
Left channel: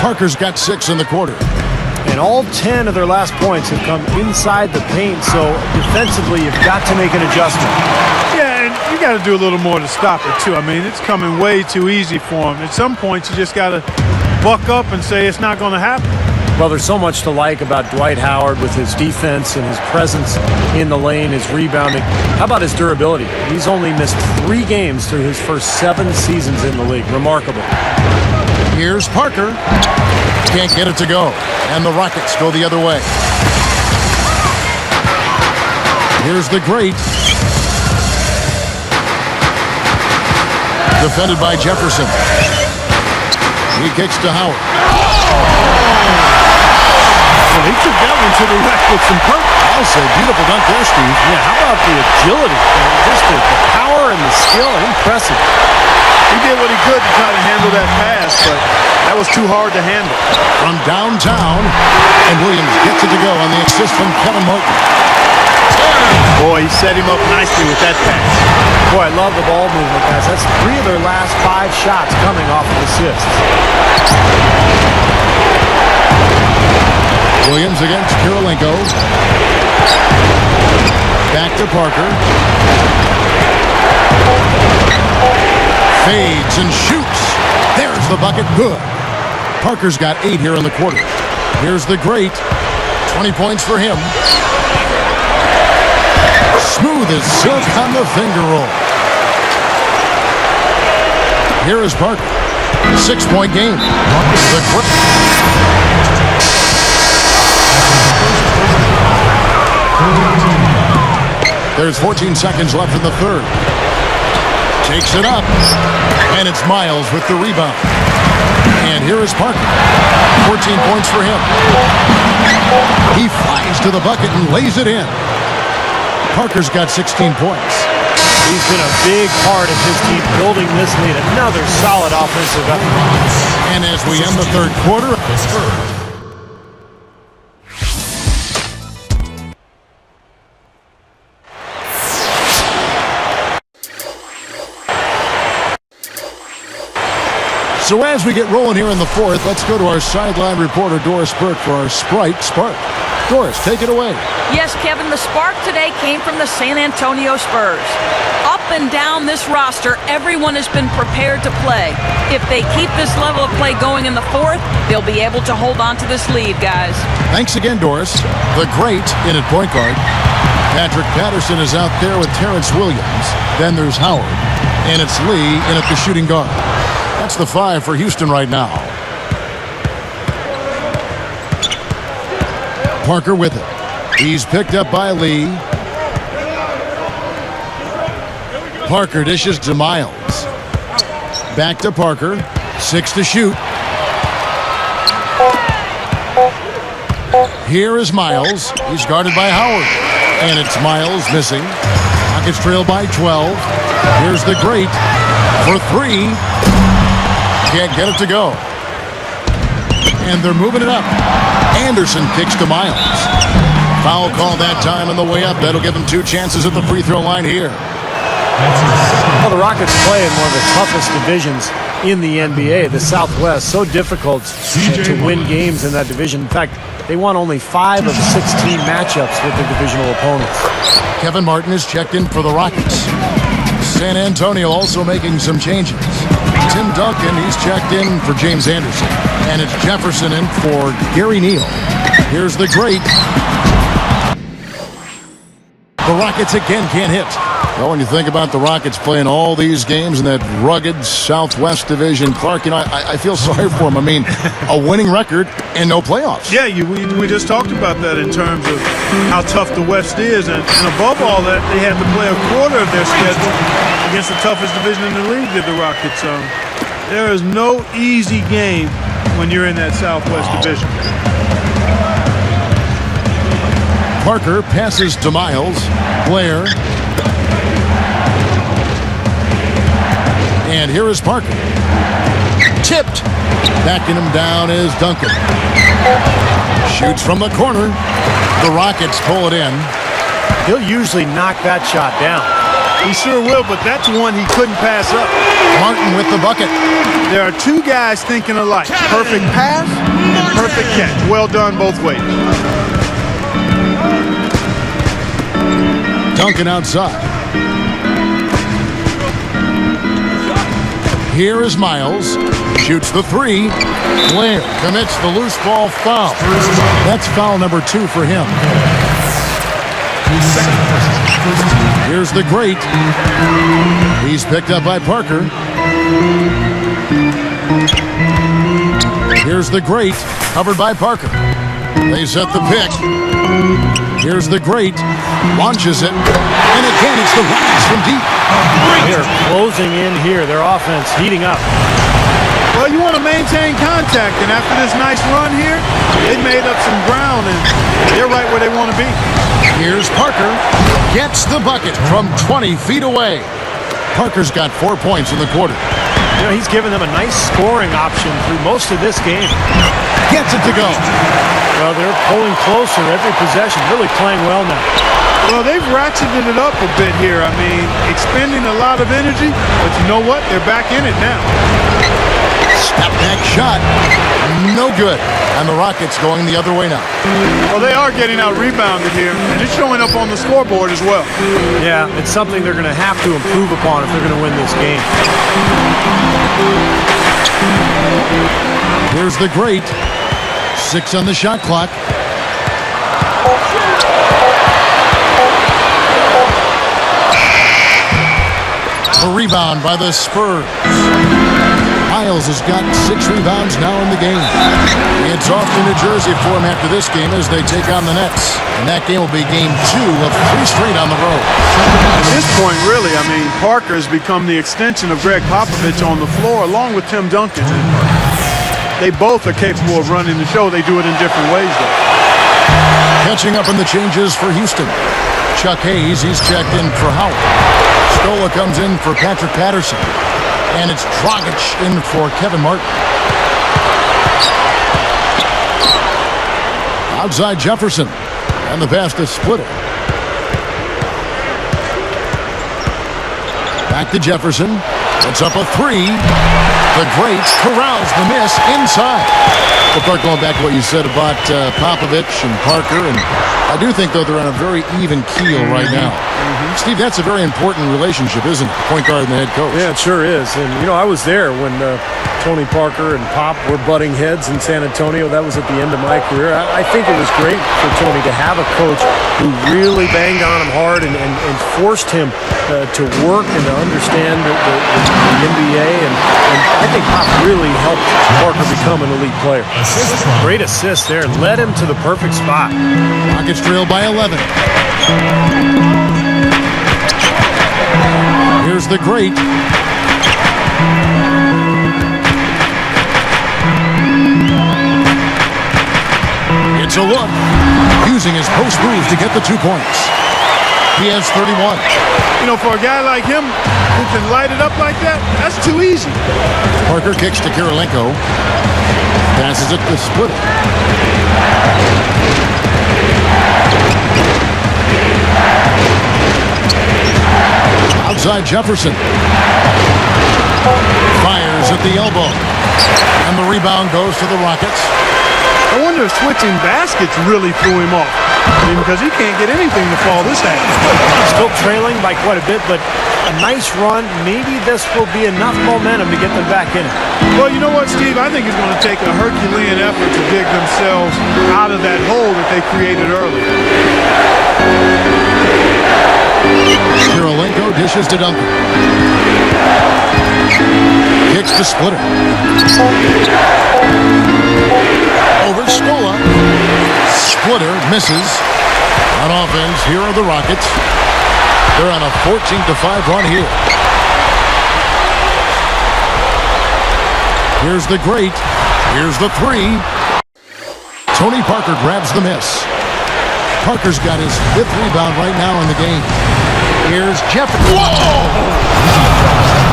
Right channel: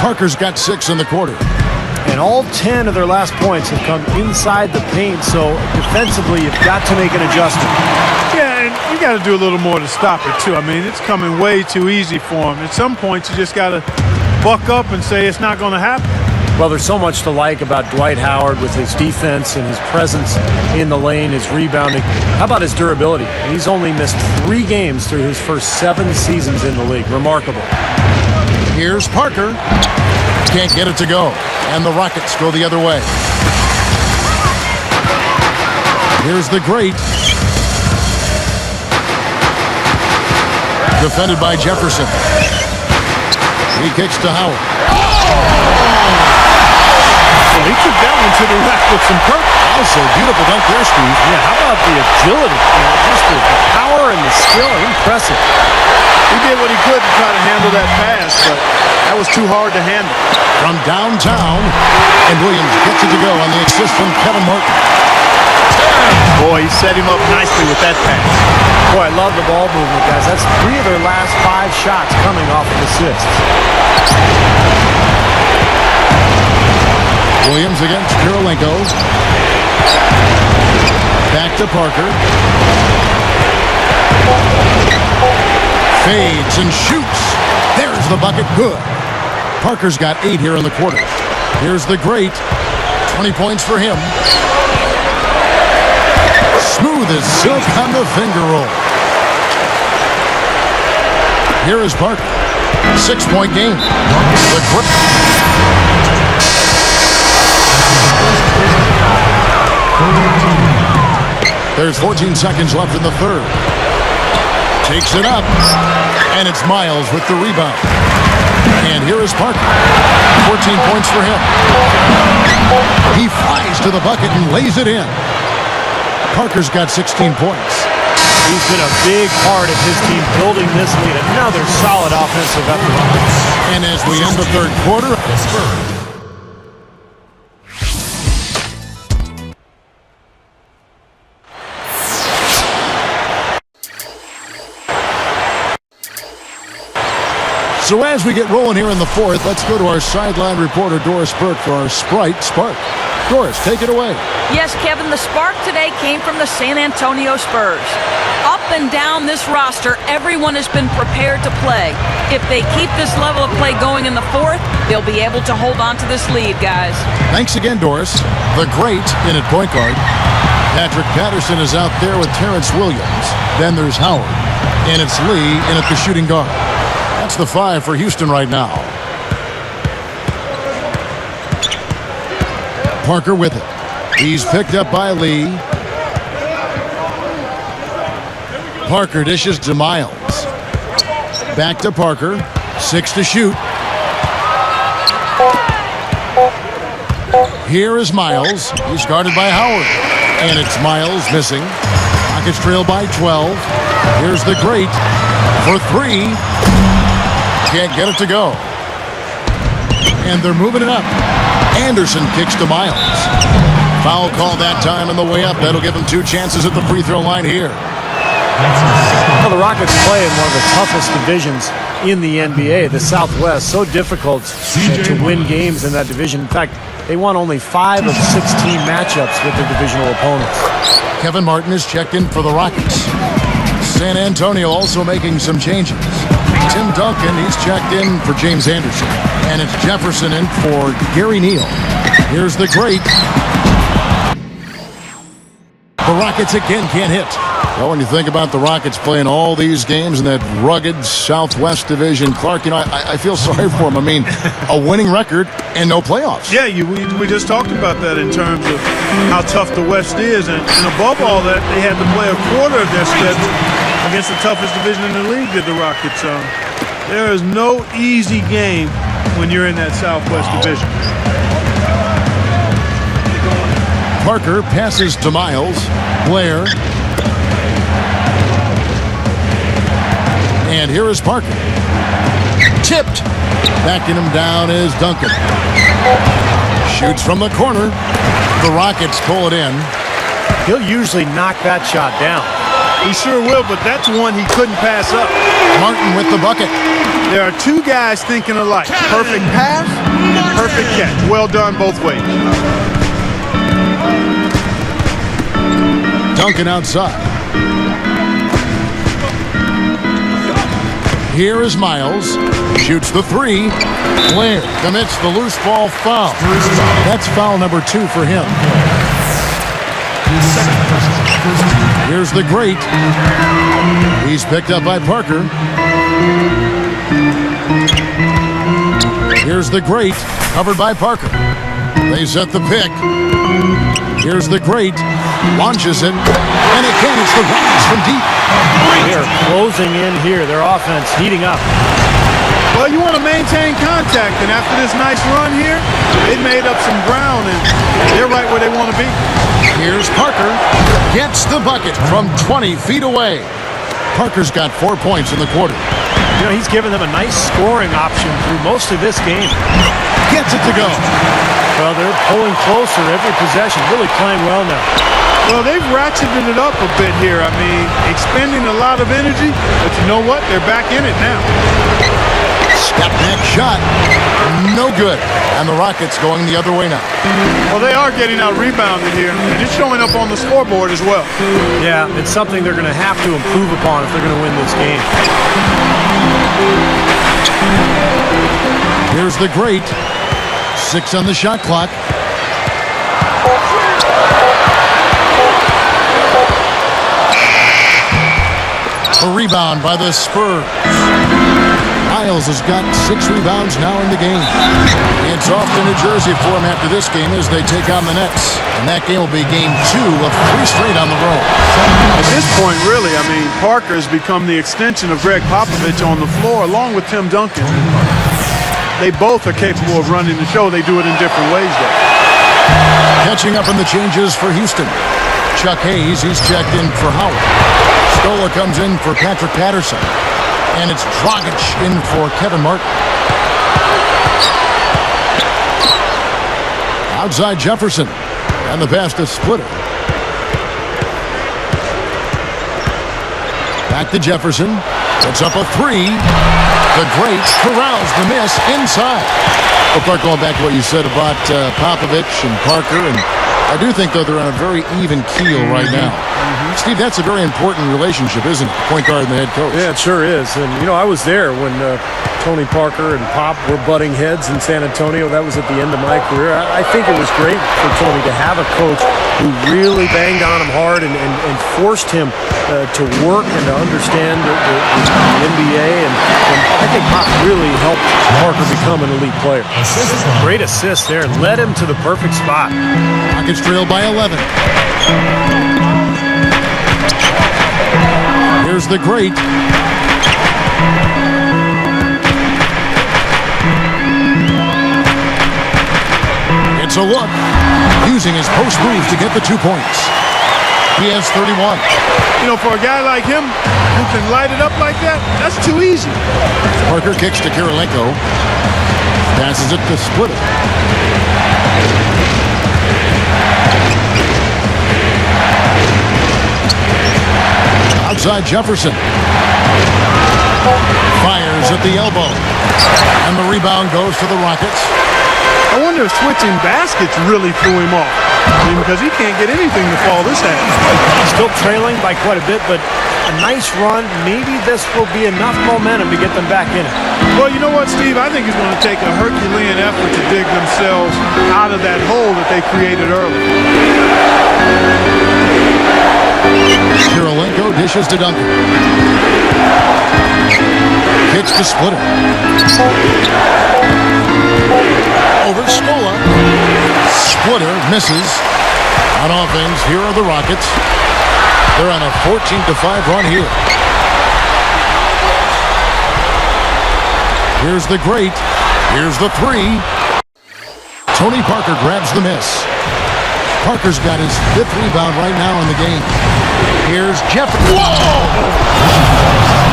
Parker's got 6 in the quarter. And all 10 of their last points have come inside the paint, so defensively you've got to make an adjustment. Yeah, and you got to do a little more to stop it, too. I mean, it's coming way too easy for him. At some points, you just got to buck up and say it's not going to happen. Well, there's so much to like about Dwight Howard with his defense and his presence in the lane, his rebounding. How about his durability? He's only missed 3 games through his first 7 seasons in the league. Remarkable. Here's Parker. Can't get it to go. And the Rockets go the other way. Here's the great. Defended by Jefferson. He kicks to Howard. Well, he took that one to the rack with some purpose. I'll say beautiful dunk there, Steve. Yeah, how about the agility? Just the power and the skill. Impressive. He did what he could to try to handle that pass, but That was too hard to handle. From downtown, and Williams gets it to go on the assist from Kevin Martin. Boy, he set him up nicely with that pass. Boy, I love the ball movement, guys. That's 3 of their last 5 shots coming off of assists. Williams against Kirilenko. Back to Parker. Fades and shoots. There's the bucket. Good. Parker's got 8 here in the quarter. Here's the great. 20 points for him. Smooth as silk on the finger roll. Here is Parker. 6-point game. There's 14 seconds left in the third. Takes it up. And it's Miles with the rebound. And here is Parker. 14 points for him. He flies to the bucket and lays it in. Parker's got 16 points. He's been a big part of his team building this lead. Another solid offensive effort. And as we end the third quarter, so as we get rolling here in the fourth, let's go to our sideline reporter, Doris Burke, for our Sprite Spark. Doris, take it away. Yes, Kevin, the spark today came from the San Antonio Spurs. Up and down this roster, everyone has been prepared to play. If they keep this level of play going in the fourth, they'll be able to hold on to this lead, guys. Thanks again, Doris. The great in at point guard. Patrick Patterson is out there with Terrence Williams. Then there's Howard. And it's Lee in at the shooting guard. That's the 5 for Houston right now. Parker with it. He's picked up by Lee. Parker dishes to Miles. Back to Parker. 6 to shoot. Here is Miles. He's guarded by Howard. And it's Miles missing. Rockets trail by 12. Here's the great for 3. Can't get it to go. And they're moving it up. Anderson kicks to Miles. Foul call that time on the way up. That'll give him 2 chances at the free throw line here. Well, the Rockets play in one of the toughest divisions in the NBA, the Southwest. So difficult to win games in that division. In fact, they won only 5 of 16 matchups with their divisional opponents. Kevin Martin is checked in for the Rockets. San Antonio also making some changes. Tim Duncan, he's checked in for James Anderson. And it's Jefferson in for Gary Neal. Here's the great. The Rockets again can't hit. Well, when you think about the Rockets playing all these games in that rugged Southwest division, Clark, you know, I feel sorry for them. I mean, a winning record and no playoffs. Yeah, we just talked about that in terms of how tough the West is. And above all that, they had to play a quarter of their schedule against the toughest division in the league, did the Rockets. There is no easy game when you're in that Southwest division. Parker passes to Miles. Blair. And here is Parker. Tipped. Backing him down is Duncan. Shoots from the corner. The Rockets pull it in. He'll usually knock that shot down. He sure will, but that's one he couldn't pass up. Martin with the bucket. There are 2 guys thinking alike. Perfect pass and perfect catch. Well done both ways. Duncan outside. Here is Miles. Shoots the 3. Blair commits the loose ball foul. That's foul number 2 for him. Here's the great. He's picked up by Parker. Here's the great. Covered by Parker. They set the pick. Here's the great. Launches it. And again, it's the Rockets from deep. They are closing in here. Their offense heating up. Well, you want to maintain contact, and after this nice run here, they made up some ground, and they're right where they want to be. Here's Parker. Gets the bucket from 20 feet away. Parker's got 4 points in the quarter. You know, he's given them a nice scoring option through most of this game. Gets it to go. Well, they're pulling closer every possession, really playing well now. Well, they've ratcheted it up a bit here. I mean, expending a lot of energy, but you know what? They're back in it now. Step back shot. No good. And the Rockets going the other way now. Well, they are getting out rebounded here, and it's showing up on the scoreboard as well. Yeah, it's something they're going to have to improve upon if they're going to win this game. Here's the great. 6 on the shot clock. A rebound by the Spurs. Miles has got 6 rebounds now in the game. It's off to New Jersey for him after this game as they take on the Nets. And that game will be game 2 of 3 straight on the road. At this point, really, I mean, Parker has become the extension of Greg Popovich on the floor along with Tim Duncan. And they both are capable of running the show. They do it in different ways, though. Catching up on the changes for Houston. Chuck Hayes, he's checked in for Howard. Stola comes in for Patrick Patterson. And it's Dragic in for Kevin Martin. Outside Jefferson. And the pass to Splitter. Back to Jefferson. Puts up a 3. The great corrals the miss inside. Well, Clark, going back to what you said about Popovich and Parker, and I do think, though, they're on a very even keel right now. Steve, that's a very important relationship, isn't it? The point guard and the head coach. Yeah, it sure is. And, you know, I was there when Tony Parker and Pop were butting heads in San Antonio. That was at the end of my career. I think it was great for Tony to have a coach who really banged on him hard and forced him to work and to understand the NBA. And I think Pop really helped Parker become an elite player. Great assist there. Led him to the perfect spot. Rockets trail by 11. Here's the great. It's a look. Using his post moves to get the 2 points. He has 31. You know, for a guy like him who can light it up like that, that's too easy. Parker kicks to Kirilenko. Passes it to Splitter. Outside Jefferson. Fires at the elbow. And the rebound goes to the Rockets. I wonder if switching baskets really threw him off. I mean, because he can't get anything to fall this half. Still trailing by quite a bit, but a nice run. Maybe this will be enough momentum to get them back in it. Well, you know what, Steve? I think it's going to take a Herculean effort to dig themselves out of that hole that they created early. Kirilenko dishes to Duncan. Kicks to Splitter. Over Stola. Splitter misses. On offense, here are the Rockets. They're on a 14-5 run here. Here's the great. Here's the 3. Tony Parker grabs the miss. Parker's got his 5th rebound right now in the game. Here's Jefferson. Whoa!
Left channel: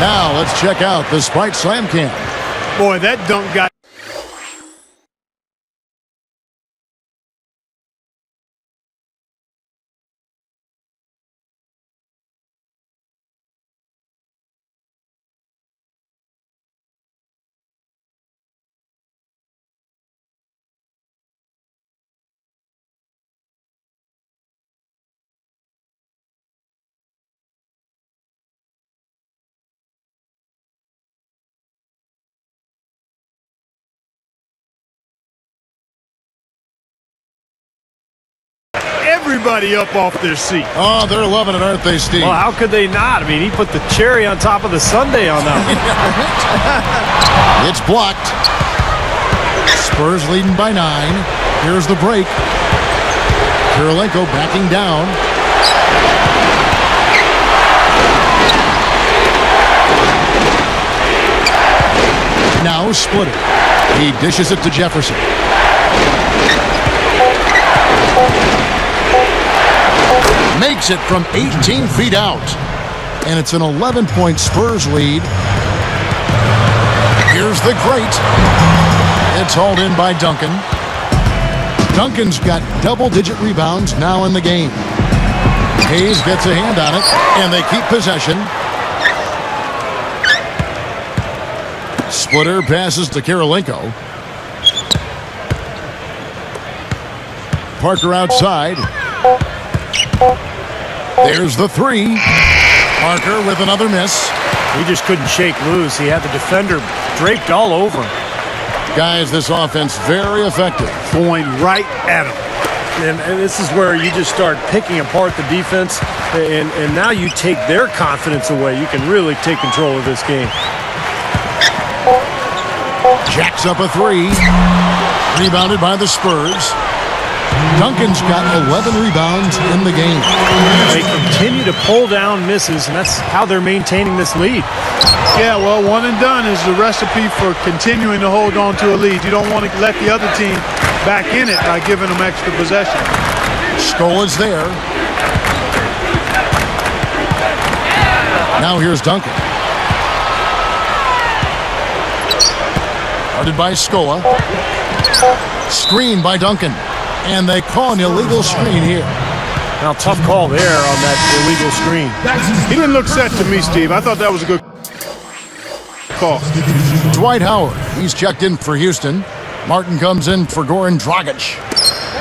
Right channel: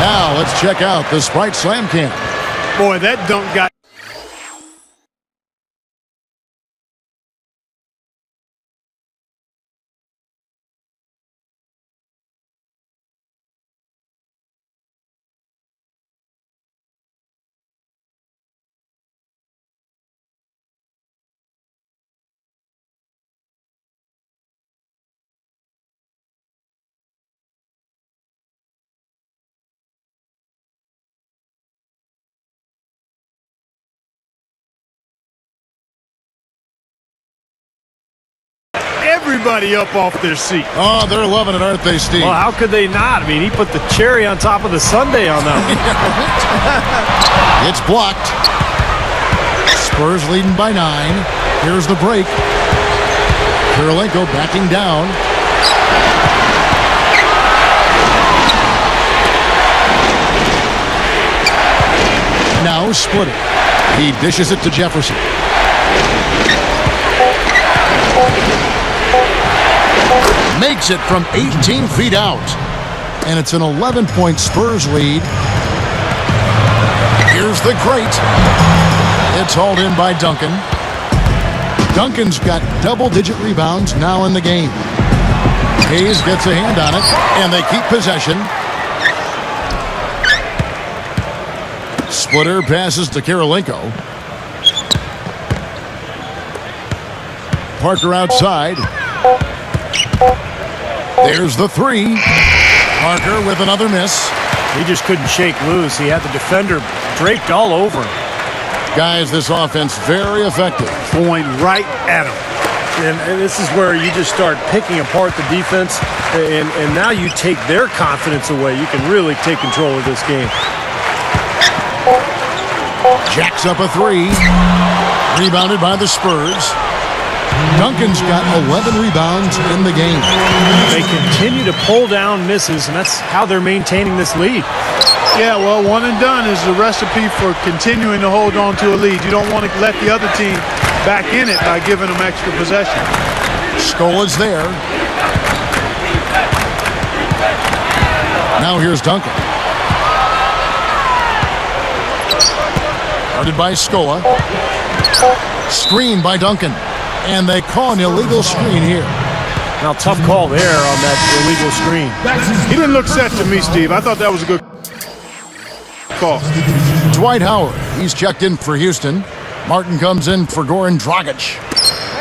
Now let's check out the Sprite Slam Cam. Boy, that dunk got... Everybody up off their seat. Oh, they're loving it, aren't they, Steve? Well, how could they not? I mean, he put the cherry on top of the sundae on that one. It's blocked. Spurs leading by 9. Here's the break. Kirilenko backing down. Now split it. He dishes it to Jefferson. Makes it from 18 feet out. And it's an 11-point Spurs lead. Here's the great. It's hauled in by Duncan. Duncan's got double-digit rebounds now in the game. Hayes gets a hand on it, and they keep possession. Splitter passes to Kirilenko. Parker outside. There's the three. Parker with another miss. He just couldn't shake loose. He had the defender draped all over him. Guys, this offense very effective. Going right at him. And this is where you just start picking apart the defense, and now you take their confidence away. You can really take control of this game. Jacks up a three. Rebounded by the Spurs. Duncan's got 11 rebounds in the game. They continue to pull down misses, and that's how they're maintaining this lead. Yeah, well, one and done is the recipe for continuing to hold on to a lead. You don't want to let the other team back in it by giving them extra possession. Skola's there. Now here's Duncan. Guarded by Scola. Screen by Duncan. And they call an illegal screen here. Now, tough call there on that illegal screen. He didn't look set to me, Steve. I thought that was a good call. Dwight Howard, he's checked in for Houston. Martin comes in for Goran Dragic.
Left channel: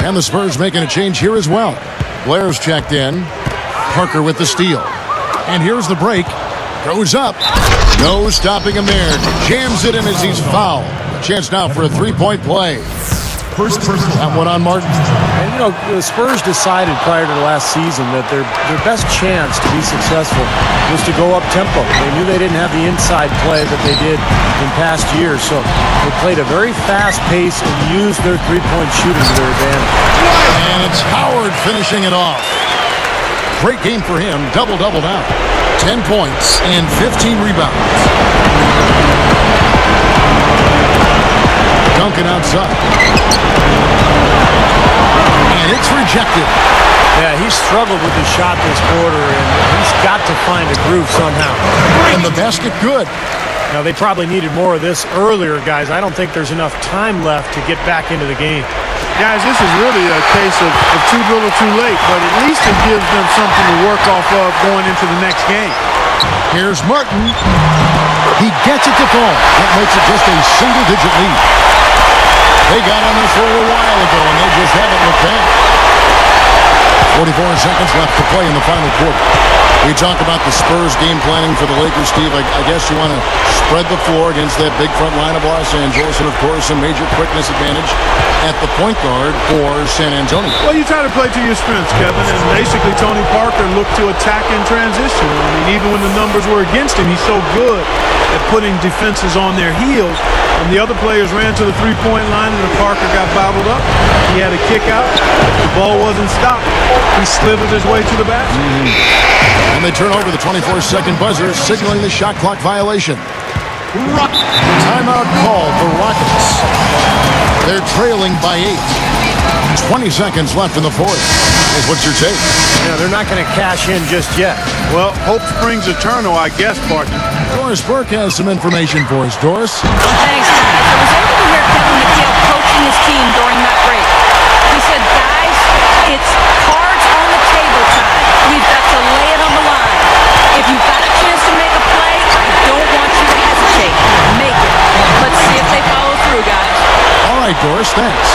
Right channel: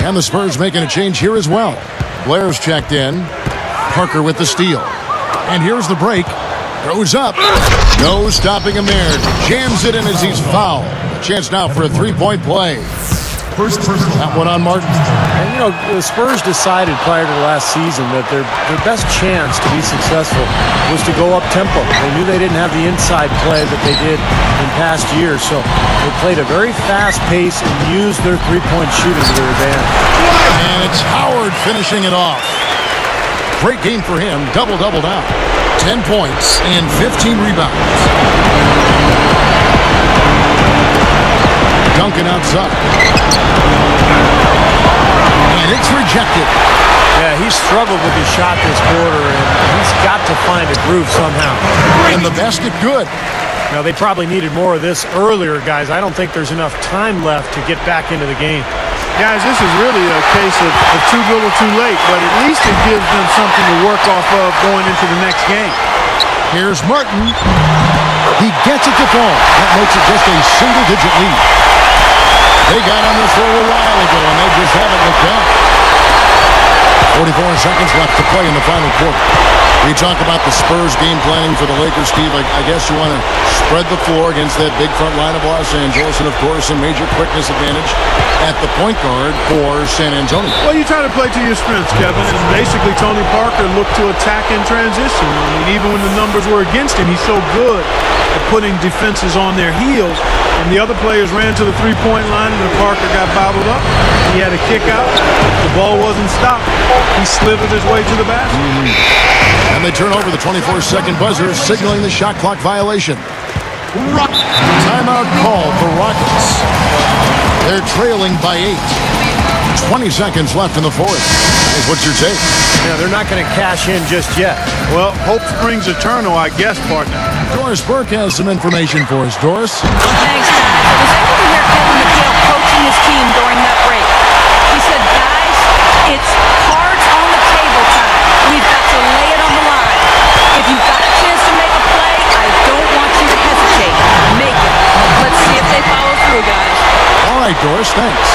And the Spurs making a change here as well. Blair's checked in. Parker with the steal. And here's the break. Goes up. No stopping him there. Jams it in as he's fouled. A chance now for a three-point play. That one on Martin. And, you know, the Spurs decided prior to the last season that their best chance to be successful was to go up tempo. They knew they didn't have the inside play that they did in past years, so they played a very fast pace and used their three-point shooting to their advantage. And it's Howard finishing it off. Great game for him. Double-double now. 10 points and 15 rebounds. Duncan outside. And it's rejected. Yeah, he's struggled with his shot this quarter, and he's got to find a groove somehow. And the basket good. Now, they probably needed more of this earlier, guys. I don't think there's enough time left to get back into the game. Guys, this is really a case of too little too late, but at least it gives them something to work off of going into the next game. Here's Martin. He gets it to fall. That makes it just a single-digit lead. They got on this roll a while ago, and they just haven't looked back. 44 seconds left to play in the final quarter. We talk about the Spurs game planning for the Lakers, Steve. I guess you want to spread the floor against that big front line of Los Angeles, and, of course, a major quickness advantage at the point guard for San Antonio. Well, you try to play to your strengths, Kevin, and basically Tony Parker looked to attack in transition. I mean, even when the numbers were against him, he's so good at putting defenses on their heels. The other players ran to the three-point line, and then Parker got bottled up. He had a kick out. If the ball wasn't stopped, he slithered his way to the basket. And they turn over the 24-second buzzer, signaling the shot clock violation. Timeout called, the Rockets. They're trailing by 8. 20 seconds left in the fourth. Guys, what's your take? Yeah, they're not going to cash in just yet. Well, hope springs eternal, I guess, partner. Doris Burke has some information for us. Doris? Thanks, guys. I was able to hear Kevin McHale coaching his team during that break. He said, guys, it's cards on the table time. We've got to lay it on the line. If you've got a chance to make a play, I don't want you to hesitate. Make it. Let's see if they follow through, guys. All right, Doris, thanks.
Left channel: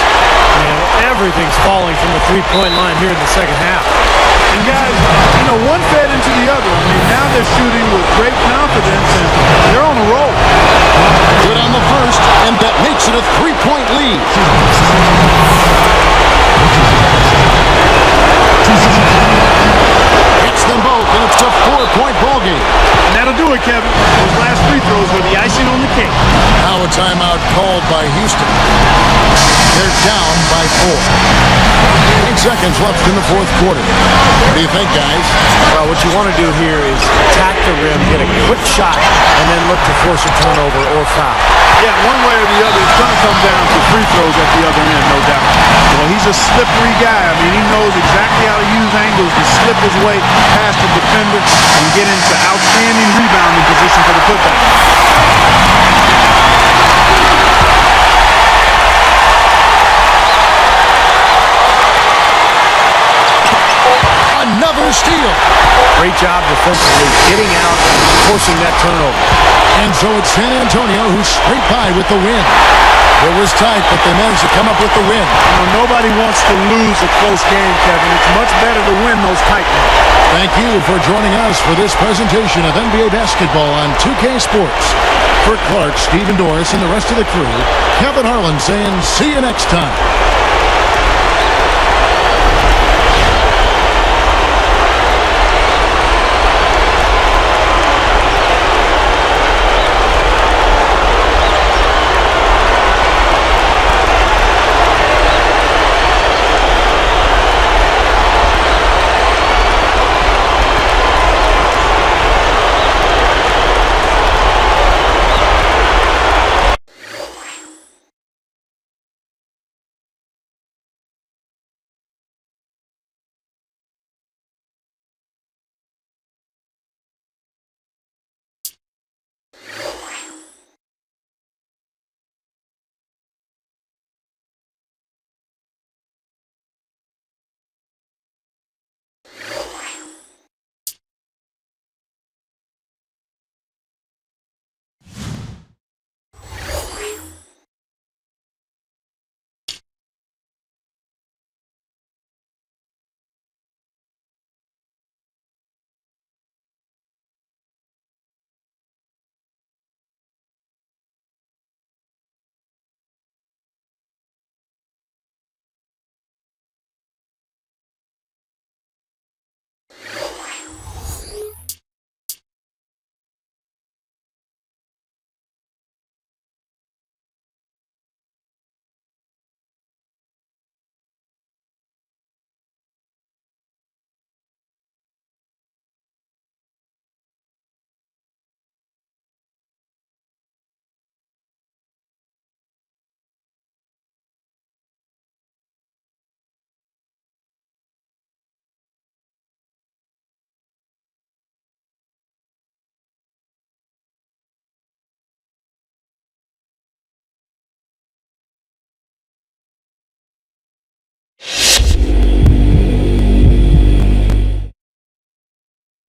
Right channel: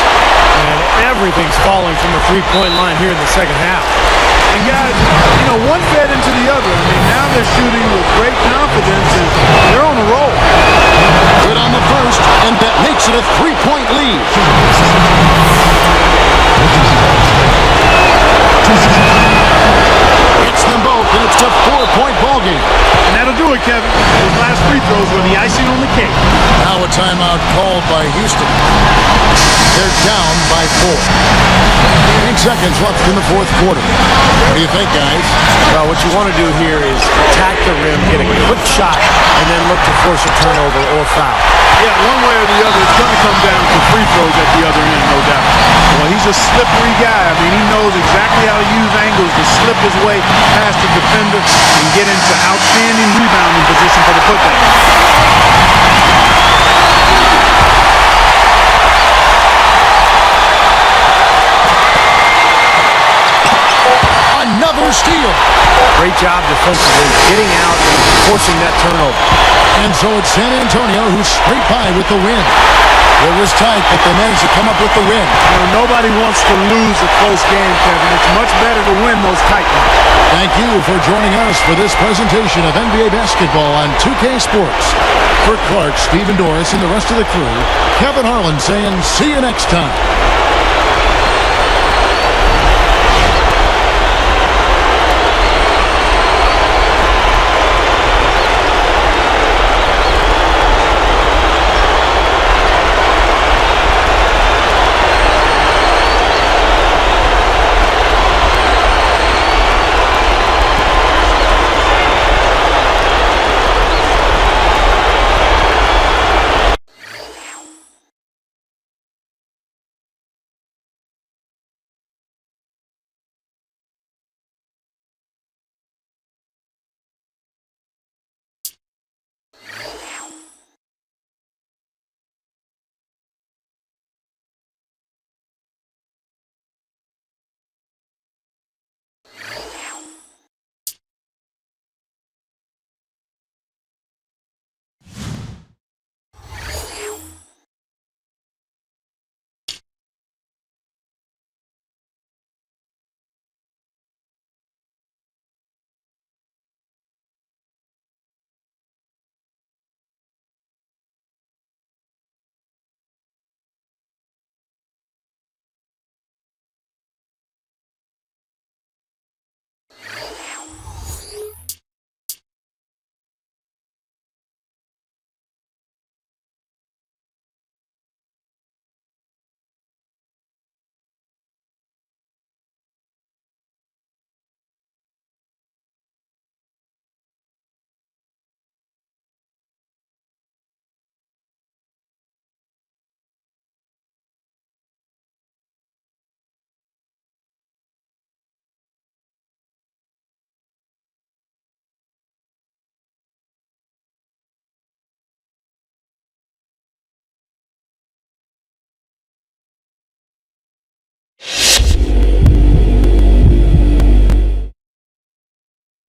And everything's falling from the three-point line here in the second half. And guys, you know, one fed into the other. I mean, now they're shooting with great confidence, and they're on a roll. Good on the first, and that makes it a three-point lead. Hits them both, and it's a 4-point ball game. And that'll do it, Kevin. Those last free throws were the icing on the cake. Now a timeout called by Houston. They're down by 4. 8 seconds left in the fourth quarter. What do you think, guys? Well, what you want to do here is attack the rim, get a quick shot, and then look to force a turnover or foul. Yeah, one way or the other, it's going to come down to free throws at the other end, no doubt. Well, he's a slippery guy. I mean, he knows exactly how to use angles to slip his way past the defender and get into outstanding rebounding position for the putback. Another steal. Great job defensively, getting out and forcing that turnover. And so it's San Antonio who scraped by with the win. It was tight, but they managed to come up with the win. You know, nobody wants to lose a close game, Kevin. It's much better to win those tight ones. Thank you for joining us for this presentation of NBA basketball on 2K Sports. For Clark, Stephen Doris, and the rest of the crew, Kevin Harlan saying see you next time.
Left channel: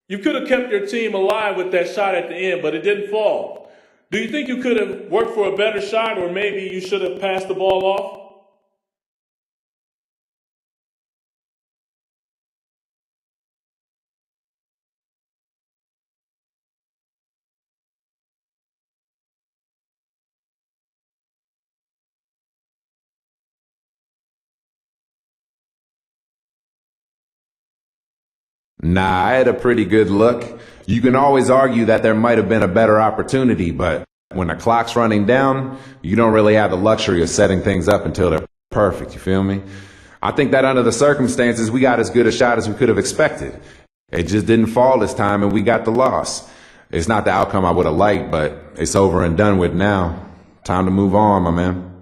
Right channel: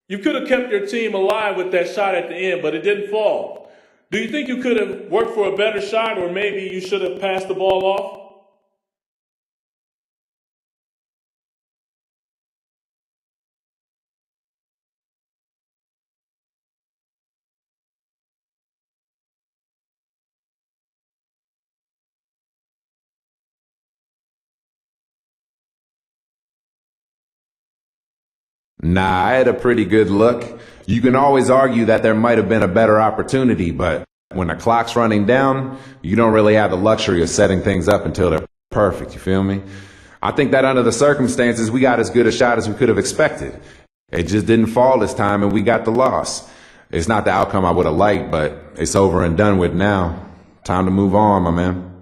You could have kept your team alive with that shot at the end, but it didn't fall. Do you think you could have worked for a better shot, or maybe you should have passed the ball off? Nah, I had a pretty good look. You can always argue that there might have been a better opportunity, but when the clock's running down, you don't really have the luxury of setting things up until they're perfect, you feel me? I think that under the circumstances, we got as good a shot as we could have expected. It just didn't fall this time, and we got the loss. It's not the outcome I would have liked, but it's over and done with now. Time to move on, my man.